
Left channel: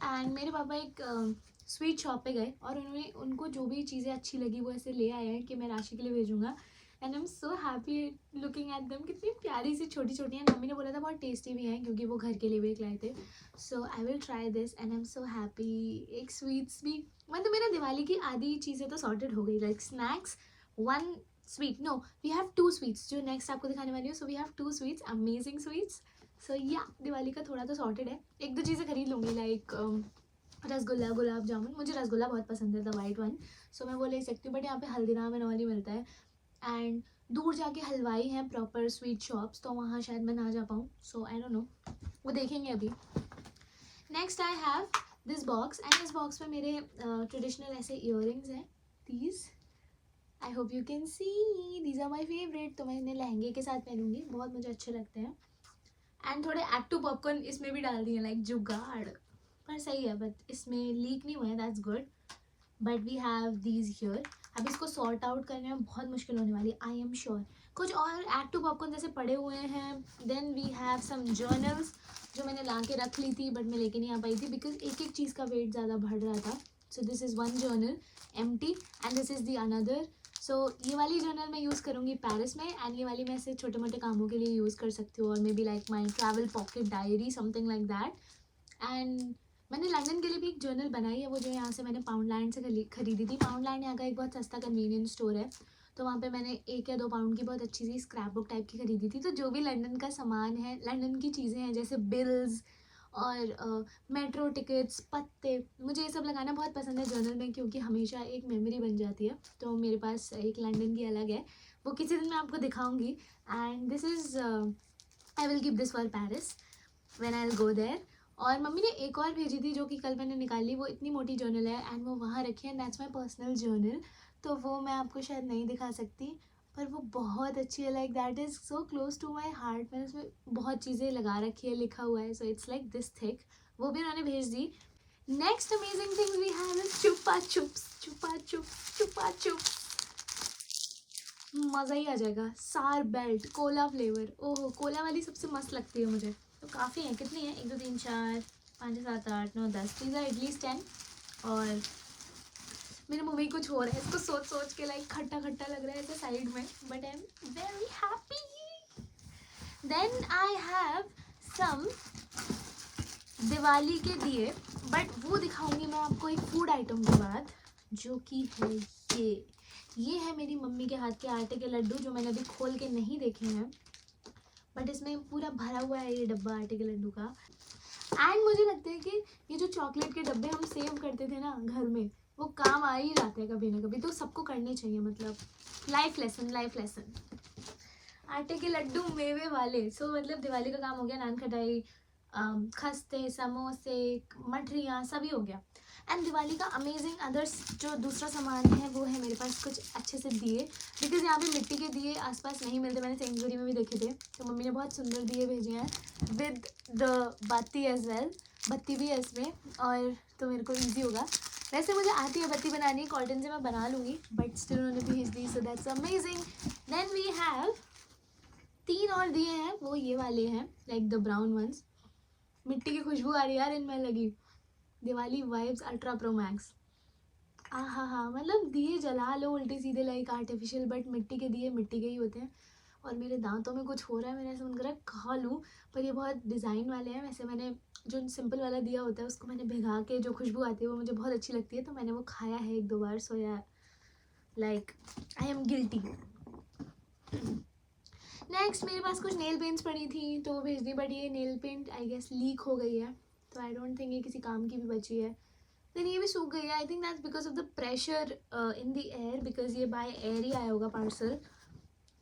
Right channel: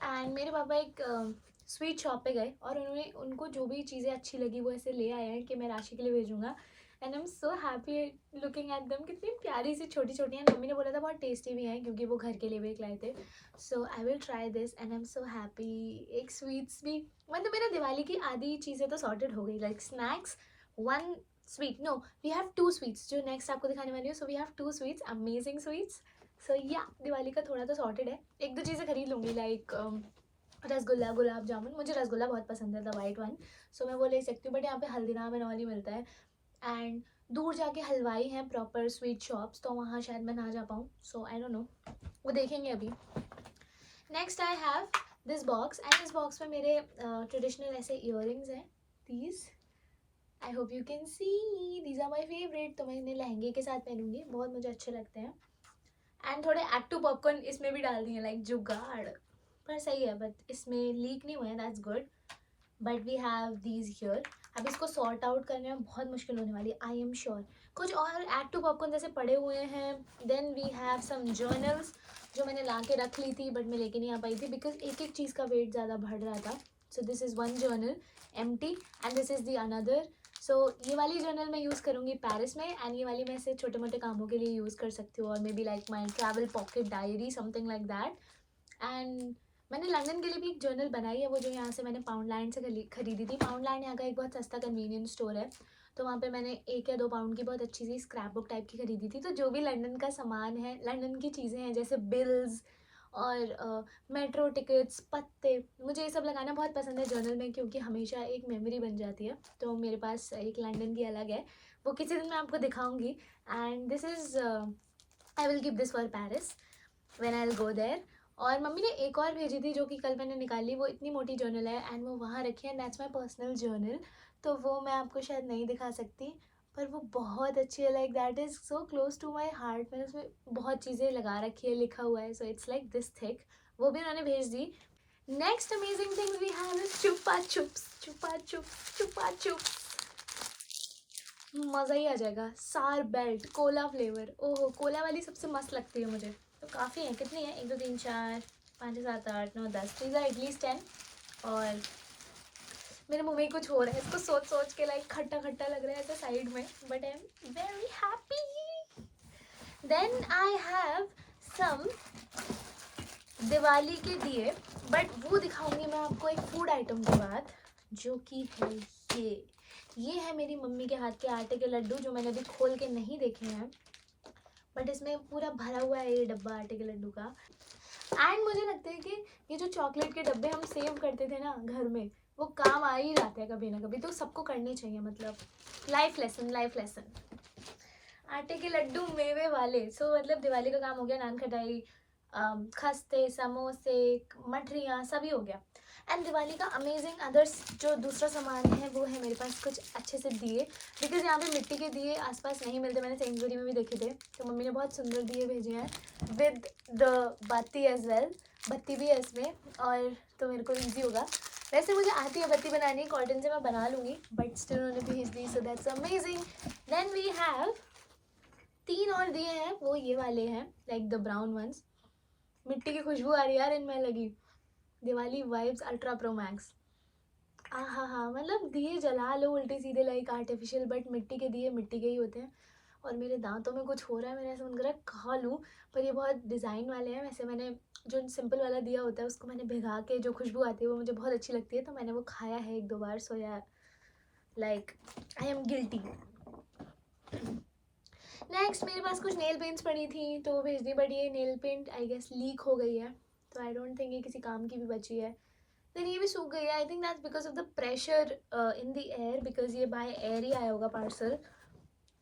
And मेरे पापा एक स्वीट शॉप पे गए और उनको जो भी चीज़ें अच्छी लगी वो ऐसे ले आए हैं कि मैं राशि के लिए भेजूँगा। And I am so happy looking at them, कितनी प्यारी सी छोटी छोटी हैं। मम्मी ने बोला था बहुत टेस्टी भी हैं क्योंकि वो घर के लिए भी एक लाए थे। So I will try this and I am so happy. एक स्वीट्स भी, मतलब मेरा दिवाली की आधी चीज़ें तो सॉर्टेड हो गई, like snacks, 1 sweet, no we have 2 sweets जो नेक्स्ट आपको दिखाने वाली हूँ। So we have 2 sweets, amazing sweets. So yeah Diwali का थोड़ा तो सॉर्टेड है। 1-2 चीज़ें खरीद लूँगी, लाइक रसगुल्ला, गुलाब जामुन। मुझे रसगुल्ला बहुत पसंद है, द वाइट वन, सो मैं वो ले सकती हूँ। बट यहाँ पे हल्दीराम एंड ऑल ही मिलता है, एंड दूर जाके हलवाई हैं प्रॉपर स्वीट शॉप्स, तो वहाँ शायद मैं ना जा पाऊँ। सो आई डोंट नो, वो देखेंगे अभी। Next I have this box, and इस बॉक्स में मेरे ट्रेडिशनल ऐसे ईयरिंग्स हैं। These I hope you can see, these are my favourite. तो मैं इन्हें लहंगे के साथ पहनूंगी, बहुत मुझे अच्छे लगते हैं। एंड थोड़े एक्टू पॉपकॉर्न इसमें भी डाल दिए, लाइक जुगाड़, पर सही है, बट इसमें लीक नहीं हुए हैं, that's good. But we have these here. अब इसको सॉर्ट आउट करने में बहुत मुश्किल होने वाली है, आई एम श्योर। कुछ और एक्टू पॉपकॉर्न जैसे पड़े हुए हैं। Then we have some journals जो मैंने ला के रख ली थी बट मैं लेके नहीं आ पाई थी बिकॉज एक एक चीज़ का वेट ज़्यादा बढ़ रहा था। So this is 1 journal empty and this is the another. So ये वाली जर्नल मैं यूज़ करूँगी पेरिस में, एंड ये वाली मैं ऐसे छोटे मोटे कामों के लिए यूज़ कर सकती हूँ, और may be like my travel pocket diary, something like that. And मैंने लंदन के लिए भी एक जर्नल बनाई है, वो जो यहाँ से मैंने पाउंड लैंड से खरीदी थी। पाउंड लैंड यहाँ का एक बहुत सस्ता कन्वीनियंस स्टोर है, तो वहाँ पे मैंने 1 या 2 पाउंड की बहुत अच्छी सी स्क्रैप बुक टाइप की खरीदी थी। तो जो भी लंदन का सामान है, लंदन की चीज़ें हैं, जैसे बिल्स और मेट्रो टिकट्स, पत्ते, मुझे ये सब लगाना बहुत पसंद है जर्नल में, क्योंकि हमेशा एक मेमोरी बन जाती है। तो मेरे पास एक लंदन की अलग है, वो किसी दिन मैं आपको दिखाऊंगी। And this is I will keep this for Paris when I will go there. और मम्मी ने एक और भेजी थी जो कि कल मैंने निकाली, वो इतनी मोटी जर्नल है एंड वो वहाँ रखी है, दैट्स माई पर्सनल जर्नल। तो वो मैं आपको शायद नहीं दिखा सकती, पर वो बहुत अच्छी है, like that is so close to my heart. मैंने उसमें बहुत चीज़ें लगा रखी है, लिखा हुआ है, so it's like this thick. वो भी उन्होंने भेज दी। Next amazing thing we have is Chupa Chups. Chupa Chups, Chupa Chups, मज़ा ही आ जाएगा। सार बेल्ट कोला फ्लेवर, ओहो, कोला वाली सबसे मस्त लगती है मुझे। तो काफ़ी है, कितनी है, 1 2 3 4 5 6 7 8 9 10, these are at least 10। और मेरे मुंह में कुछ हो रहा है, इसको सोच सोच के लाइक खट्टा खट्टा लग रहा है ऐसे साइड में, but I am very happy. Then I have some Diwali के दिए, बट वो दिखाऊंगी मैं आपको एक फूड आइटम के बाद, जो कि है ये है मेरी मम्मी के हाथ के आटे के लड्डू, जो मैंने अभी खोल के नहीं देखे हैं, बट इसमें पूरा भरा हुआ है ये डब्बा आटे के लड्डू का। एंड मुझे लगता है कि ये जो चॉकलेट के डब्बे हम सेव करते थे ना घर में, वो काम आ ही जाते हैं कभी ना कभी, तो सबको करने चाहिए, मतलब लाइफ लेसन, लाइफ लेसन। आटे के लड्डू मेवे वाले, सो मतलब दिवाली का काम हो गया, नान खटाई, खस्ते, समोसे, मठरियाँ, सभी हो गया। एंड दिवाली का अमेजिंग अदर्स जो दूसरा सामान है, वो है मेरे पास कुछ अच्छे से दिए, बिकॉज यहाँ पे मिट्टी के दिए आसपास नहीं मिलते, मैंने सेंसबरी में भी देखे थे, तो मम्मी ने बहुत सुंदर दिए भेजे हैं विद द बत्ती एज वेल। बत्ती भी है इसमें, और तो मेरे को ईजी होगा। वैसे मुझे आती है बत्ती बनानी, कॉटन से मैं बना लूँगी, बट स्टिल उन्होंने भेज दी, so that's amazing. Then we have 3 और दिए हैं, वो ये वाले हैं, लाइक द ब्राउन वंस। मिट्टी की खुशबू आ रही है यार इनमें लगी। Diwali vibes ultra pro max. हाँ हाँ, मतलब दिए जला लो उल्टे सीधे, लाइक आर्टिफिशियल, बट मिट्टी के दिए मिट्टी के ही होते हैं। और मेरे दांतों में कुछ हो रहा है, मैंने ऐसा मन कर रहा है खा लूँ, पर ये बहुत डिज़ाइन वाले हैं। वैसे मैंने जो सिंपल वाला दिया होता है उसको मैंने भिगा के, जो खुशबू आती है वो मुझे बहुत अच्छी लगती है, तो मैंने वो खाया है 1 2 बार, सो या like I am guilty. Next मेरे पास कुछ नेल पेंट्स पड़ी थी, तो वो भेज दी, बट ये nail paint I guess leak हो गई है, तो आई डोंट थिंक ये किसी काम की भी बची है। देन ये भी सूख गई है, I think that's because of the pressure in the air, because ये बाय एयर ही आया होगा parcel.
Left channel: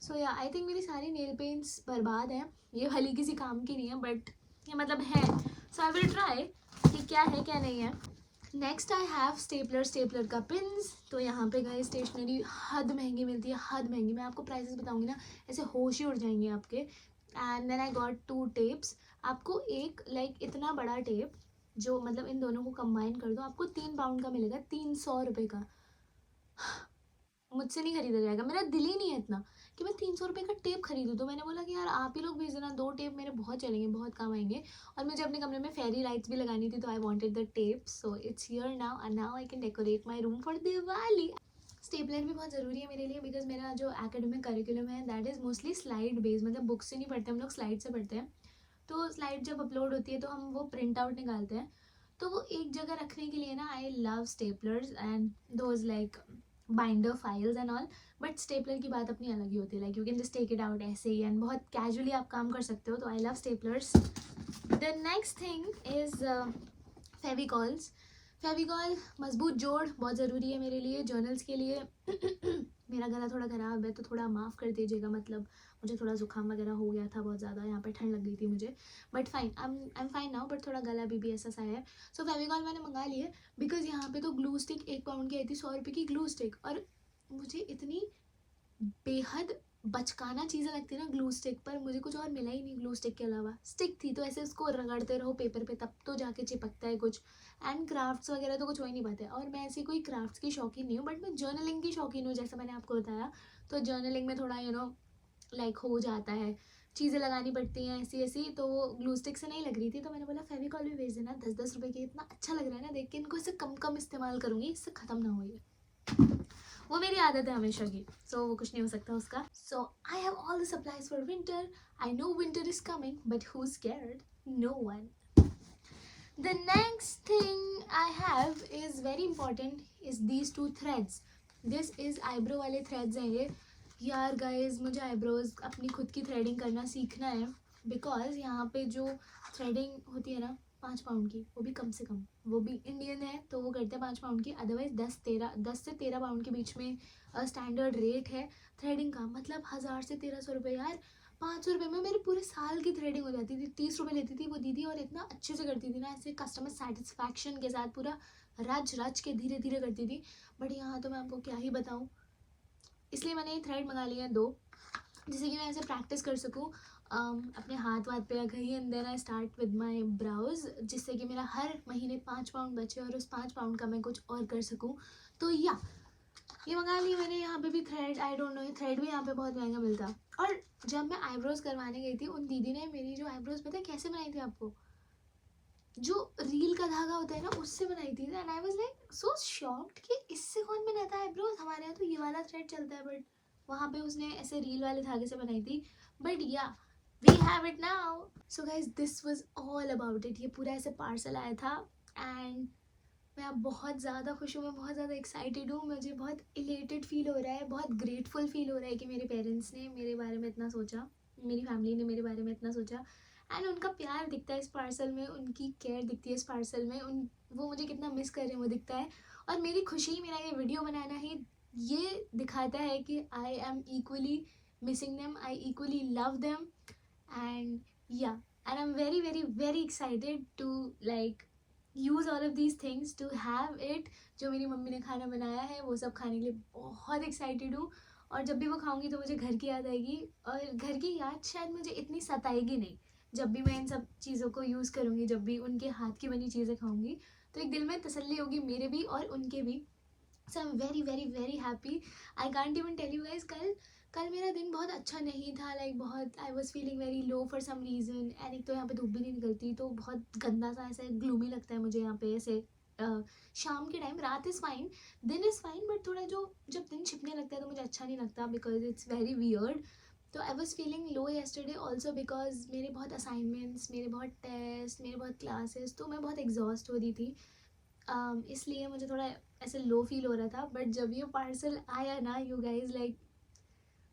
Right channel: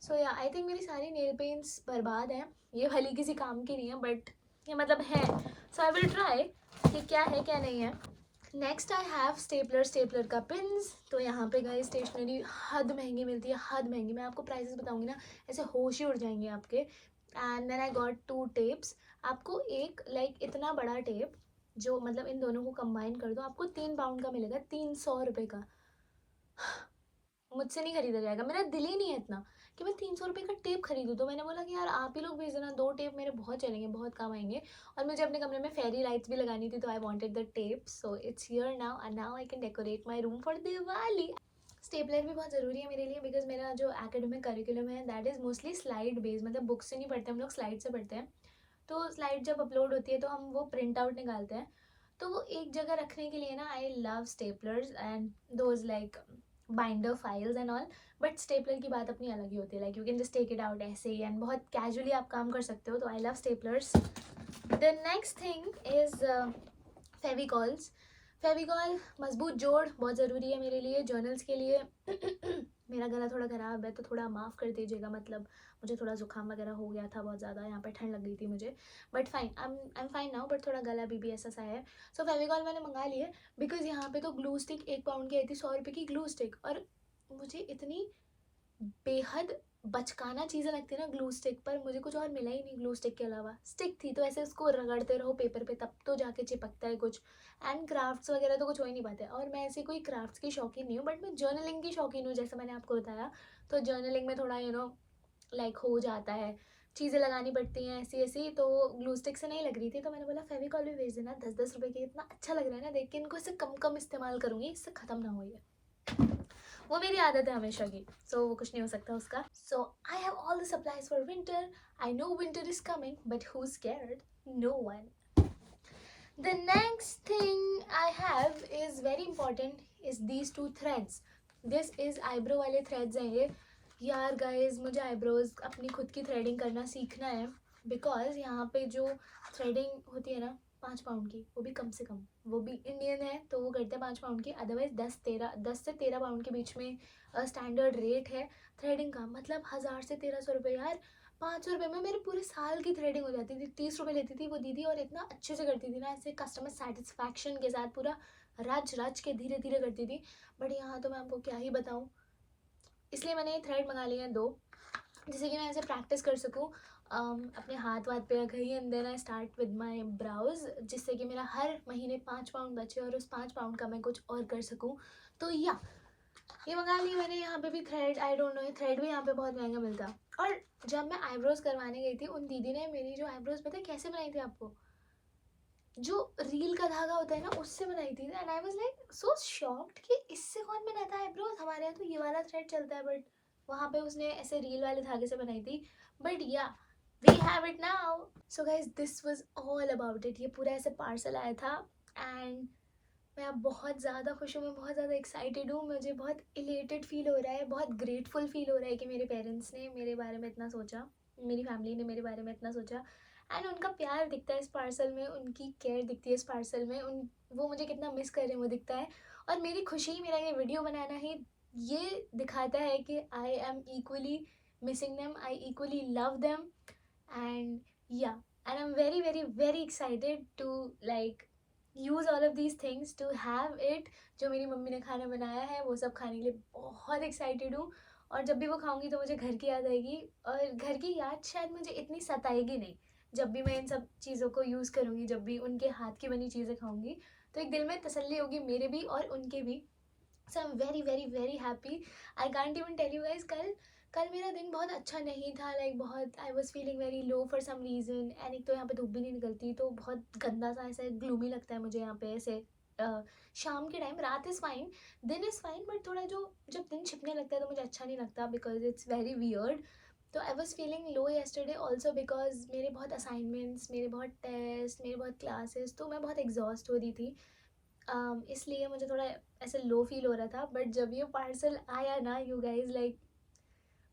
So ya I think मेरी सारी नेल पेंट्स बर्बाद हैं, ये वाली किसी काम की नहीं है, बट ये मतलब है, सो आई विल ट्राई कि क्या है क्या नहीं है। Next I have stapler, stapler का पिन्स। तो यहाँ पे गई स्टेशनरी हद महंगी मिलती है, हद महंगी, मैं आपको प्राइसेस बताऊंगी ना ऐसे होश ही उड़ जाएंगे आपके। And then I got 2 tapes. आपको एक लाइक इतना बड़ा टेप, जो मतलब इन दोनों को कंबाइन कर दो, आपको 3 पाउंड का मिलेगा, 300 रुपये का। मुझसे नहीं खरीदा जाएगा, मेरा दिल ही नहीं है इतना कि मैं 300 रुपये का टेप खरीदूँ, तो मैंने बोला कि यार आप ही लोग भेज देना, 2 टेप मेरे बहुत चलेंगे, बहुत काम आएंगे। और मुझे अपने कमरे में फेरी लाइट्स भी लगानी थी, तो I wanted the tape, so it's here now, and now I can decorate my room for Diwali. Stapler भी बहुत ज़रूरी है मेरे लिए, बिकॉज मेरा जो एकेडमिक करिकुलम है that is mostly slide based, मतलब बुक से नहीं पढ़ते हम लोग, स्लाइड से पढ़ते हैं। तो स्लाइड जब अपलोड होती है तो हम वो प्रिंट आउट निकालते हैं, तो वो एक जगह रखने के लिए ना, I love staplers and those like binder files and all. But stapler की बात अपनी अलग ही होती है, like you can just take it out ऐसे ही, एंड बहुत कैजुअली आप काम कर सकते हो, तो I love staplers. The next thing is Fevicols. Fevicol मजबूत जोड़ बहुत ज़रूरी है मेरे लिए, जर्नल्स के लिए। मेरा गला थोड़ा ख़राब है, तो थोड़ा माफ़ कर दीजिएगा, मतलब मुझे थोड़ा ज़ुकाम वगैरह हो गया था बहुत ज़्यादा, यहाँ पे ठंड लग गई थी मुझे, but fine, I am fine now, but थोड़ा गला भी ऐसा सा है। सो फेविकॉल मैंने मंगा लिए, बिकॉज यहाँ पे तो ग्लू स्टिक 1 पाउंड की आई थी, 100 रुपये की ग्लू स्टिक, और मुझे इतनी बेहद बचकाना चीज़ें लगती है ना ग्लू स्टिक पर, मुझे कुछ और मिला ही नहीं ग्लू स्टिक के अलावा। स्टिक थी तो ऐसे उसको रगड़ते रहो पेपर पे, तब तो जाके चिपकता है कुछ, एंड क्राफ्ट्स वगैरह तो कुछ हो ही नहीं पाते, और मैं ऐसी कोई क्राफ्ट्स की शौकीन नहीं हूँ, बट मैं जर्नलिंग की शौकीन हूँ, जैसे मैंने आपको बताया। तो जर्नलिंग में थोड़ा लाइक हो जाता है, चीज़ें लगानी पड़ती हैं ऐसी ऐसी, तो ग्लू स्टिक से नहीं लग रही थी, तो मैंने बोला फेविकॉल भी भेज देना, 10-10 रुपये की, इतना अच्छा लग रहा है ना देख के, इनको इससे कम कम इस्तेमाल करूँगी, इससे ख़त्म ना हो ये, वो मेरी आदत है हमेशा की, सो वो कुछ नहीं हो सकता उसका। So I have all the supplies for winter. I know winter is coming, but who scared? No one. The next thing I have is very important is these two threads. This is eyebrow वाले threads हैं ये. यार guys मुझे eyebrows अपनी खुद की threading करना सीखना है because यहाँ पे जो threading होती है ना 5 पाउंड की, वो भी कम से कम, वो भी इंडियन है तो वो करते हैं 5 पाउंड की, अदरवाइज 10 से 13 पाउंड के बीच में स्टैंडर्ड रेट है थ्रेडिंग का. मतलब 1000 से 1300 रुपये यार. 500 रुपये में मेरे पूरे साल की थ्रेडिंग हो जाती थी. 30 रुपये लेती थी वो दीदी और इतना अच्छे से करती थी ना, ऐसे कस्टमर सेटिस्फैक्शन के साथ पूरा रच रच के धीरे धीरे करती थी. बट यहाँ तो मैं आपको क्या ही बताऊँ. इसलिए मैंने ये थ्रेड मंगा लिए हैं 2, जिससे कि मैं ऐसे प्रैक्टिस कर सकूँ अपने हाथ वाथ पे रखा ही. And then I start with my brows, जिससे कि मेरा हर महीने 5 पाउंड बचे और उस 5 पाउंड का मैं कुछ और कर सकूँ. तो या ये मंगा लिया मैंने. यहाँ पे भी थ्रेड, आई डोंट नो, ये थ्रेड भी यहाँ पे बहुत महंगा मिलता. और जब मैं आईब्रोज करवाने गई थी, उन दीदी ने मेरी जो आईब्रोज पता है कैसे बनाई थी आपको, जो रील का धागा होता है ना उससे बनाई थी. And I was like so shocked कि इससे कौन बनाता है आईब्रोज. हमारे यहाँ तो ये वाला थ्रेड चलता है, बट वहाँ पे उसने ऐसे रील वाले धागे से बनाई थी. बट या we have it now. So guys this was all about it. ये पूरा ऐसे पार्सल आया था एंड मैं अब बहुत ज़्यादा खुश हूँ. मैं बहुत ज़्यादा एक्साइटेड हूँ. मुझे बहुत इलेटेड फील हो रहा है, बहुत ग्रेटफुल फील हो रहा है कि मेरे पेरेंट्स ने मेरे बारे में इतना सोचा, मेरी फैमिली ने मेरे बारे में इतना सोचा. एंड उनका प्यार दिखता है इस पार्सल में, उनकी केयर दिखती है इस पार्सल में. वो मुझे कितना मिस कर रहे हैं वो दिखता है. और मेरी खुशी, मेरा ये वीडियो बनाना ही ये दिखाता है कि I am equally missing them, I equally love them. And yeah and I am very very very excited to like use all of these things to have it. जो मेरी मम्मी ने खाना बनाया है वो सब खाने के लिए बहुत एक्साइटेड हूँ. और जब भी वो खाऊंगी तो मुझे घर की याद आएगी. और घर की याद शायद मुझे इतनी सताएगी नहीं जब भी मैं इन सब चीज़ों को यूज़ करूँगी, जब भी उनके हाथ की बनी चीज़ें खाऊंगी. तो एक दिल में तसल्ली होगी मेरे भी और उनके भी. So I am very very very happy. I can't even tell you guys, कल मेरा दिन बहुत अच्छा नहीं था. लाइक बहुत I was feeling very low for some reason. And एक तो यहाँ पे धूप भी नहीं निकलती तो बहुत गंदा सा ऐसे ग्लूमी लगता है मुझे यहाँ पे ऐसे शाम के टाइम. रात इज़ फाइन, दिन इज़ फाइन, बट थोड़ा जो जब दिन छिपने लगता है तो मुझे अच्छा नहीं लगता बिकॉज इट्स वेरी वियर्ड. तो I was feeling low yesterday also because मेरे बहुत असाइनमेंट्स, मेरे बहुत टेस्ट, मेरे बहुत क्लासेस, तो मैं बहुत एग्जॉस्ट हो रही थी. इसलिए मुझे थोड़ा ऐसे लो फील हो रहा था. बट जब ये पार्सल आया ना यू गाइज, लाइक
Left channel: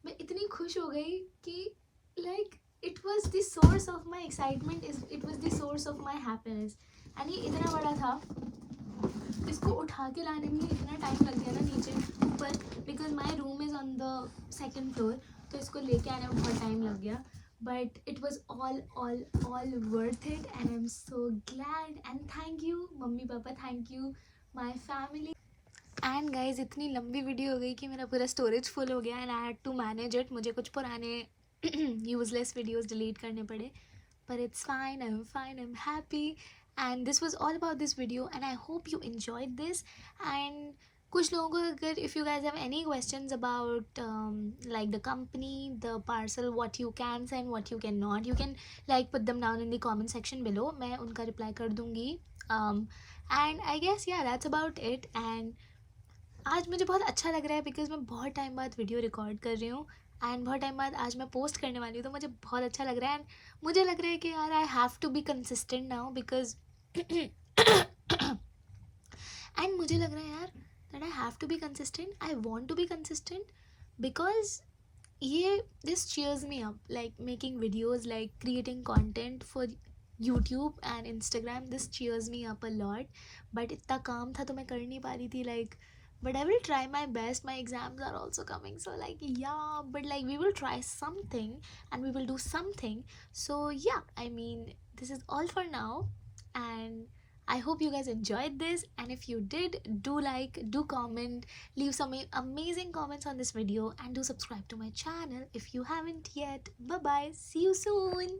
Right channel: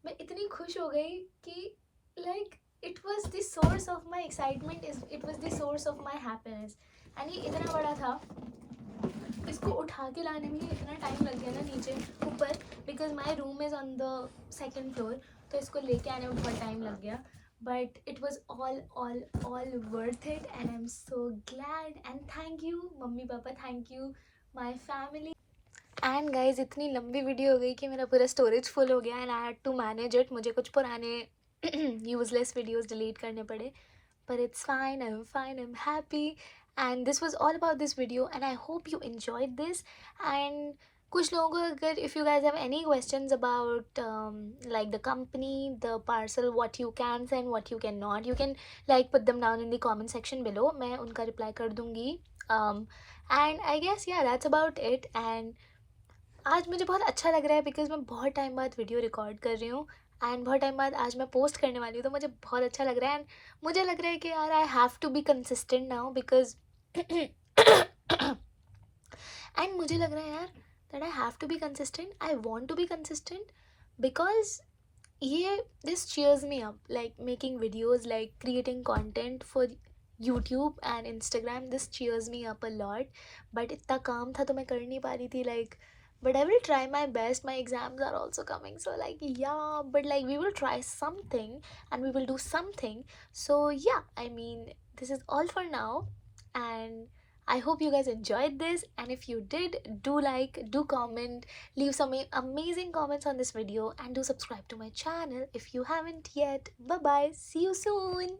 मैं इतनी खुश हो गई कि like it was the source of my excitement, it was the source of my happiness. And ये इतना बड़ा था, इसको उठा के लाने में ही इतना टाइम लग गया ना नीचे ऊपर, because my room is on the 2nd floor. तो इसको लेके आने में बहुत टाइम लग गया. But it was all worth it and I am so glad. And thank you mummy papa, thank you my family. And guys इतनी लंबी वीडियो हो गई कि मेरा पूरा स्टोरेज फुल हो गया and I had to manage it. मुझे कुछ पुराने यूजलेस वीडियोस डिलीट करने पड़े. But it's fine, I'm fine, I'm happy. And this was all about this video and I hope you enjoyed this. And कुछ लोगों को अगर if you guys have any questions about like the company, the parcel, what you can send, what you cannot, you can like put them down in the comment section below. मैं उनका reply कर दूँगी. And I guess yeah that's about it. And आज मुझे बहुत अच्छा लग रहा है बिकॉज मैं बहुत टाइम बाद वीडियो रिकॉर्ड कर रही हूँ एंड बहुत टाइम बाद आज मैं पोस्ट करने वाली हूँ. तो मुझे बहुत अच्छा लग रहा है एंड मुझे लग रहा है कि यार I have to be consistent now because and मुझे लग रहा है यार that I have to be consistent, I want to be consistent because ये this cheers me up, like making videos, like creating content for YouTube and Instagram. This cheers me up a lot. But इतना काम था तो मैं कर नहीं पा रही थी like. But I will try my best. My exams are also coming, so like yeah, but like we will try something and we will do something. So yeah, I mean this is all for now and I hope you guys enjoyed this. And if you did, do like, do comment, leave some amazing comments on this video and do subscribe to my channel if you haven't yet. Bye bye, see you soon.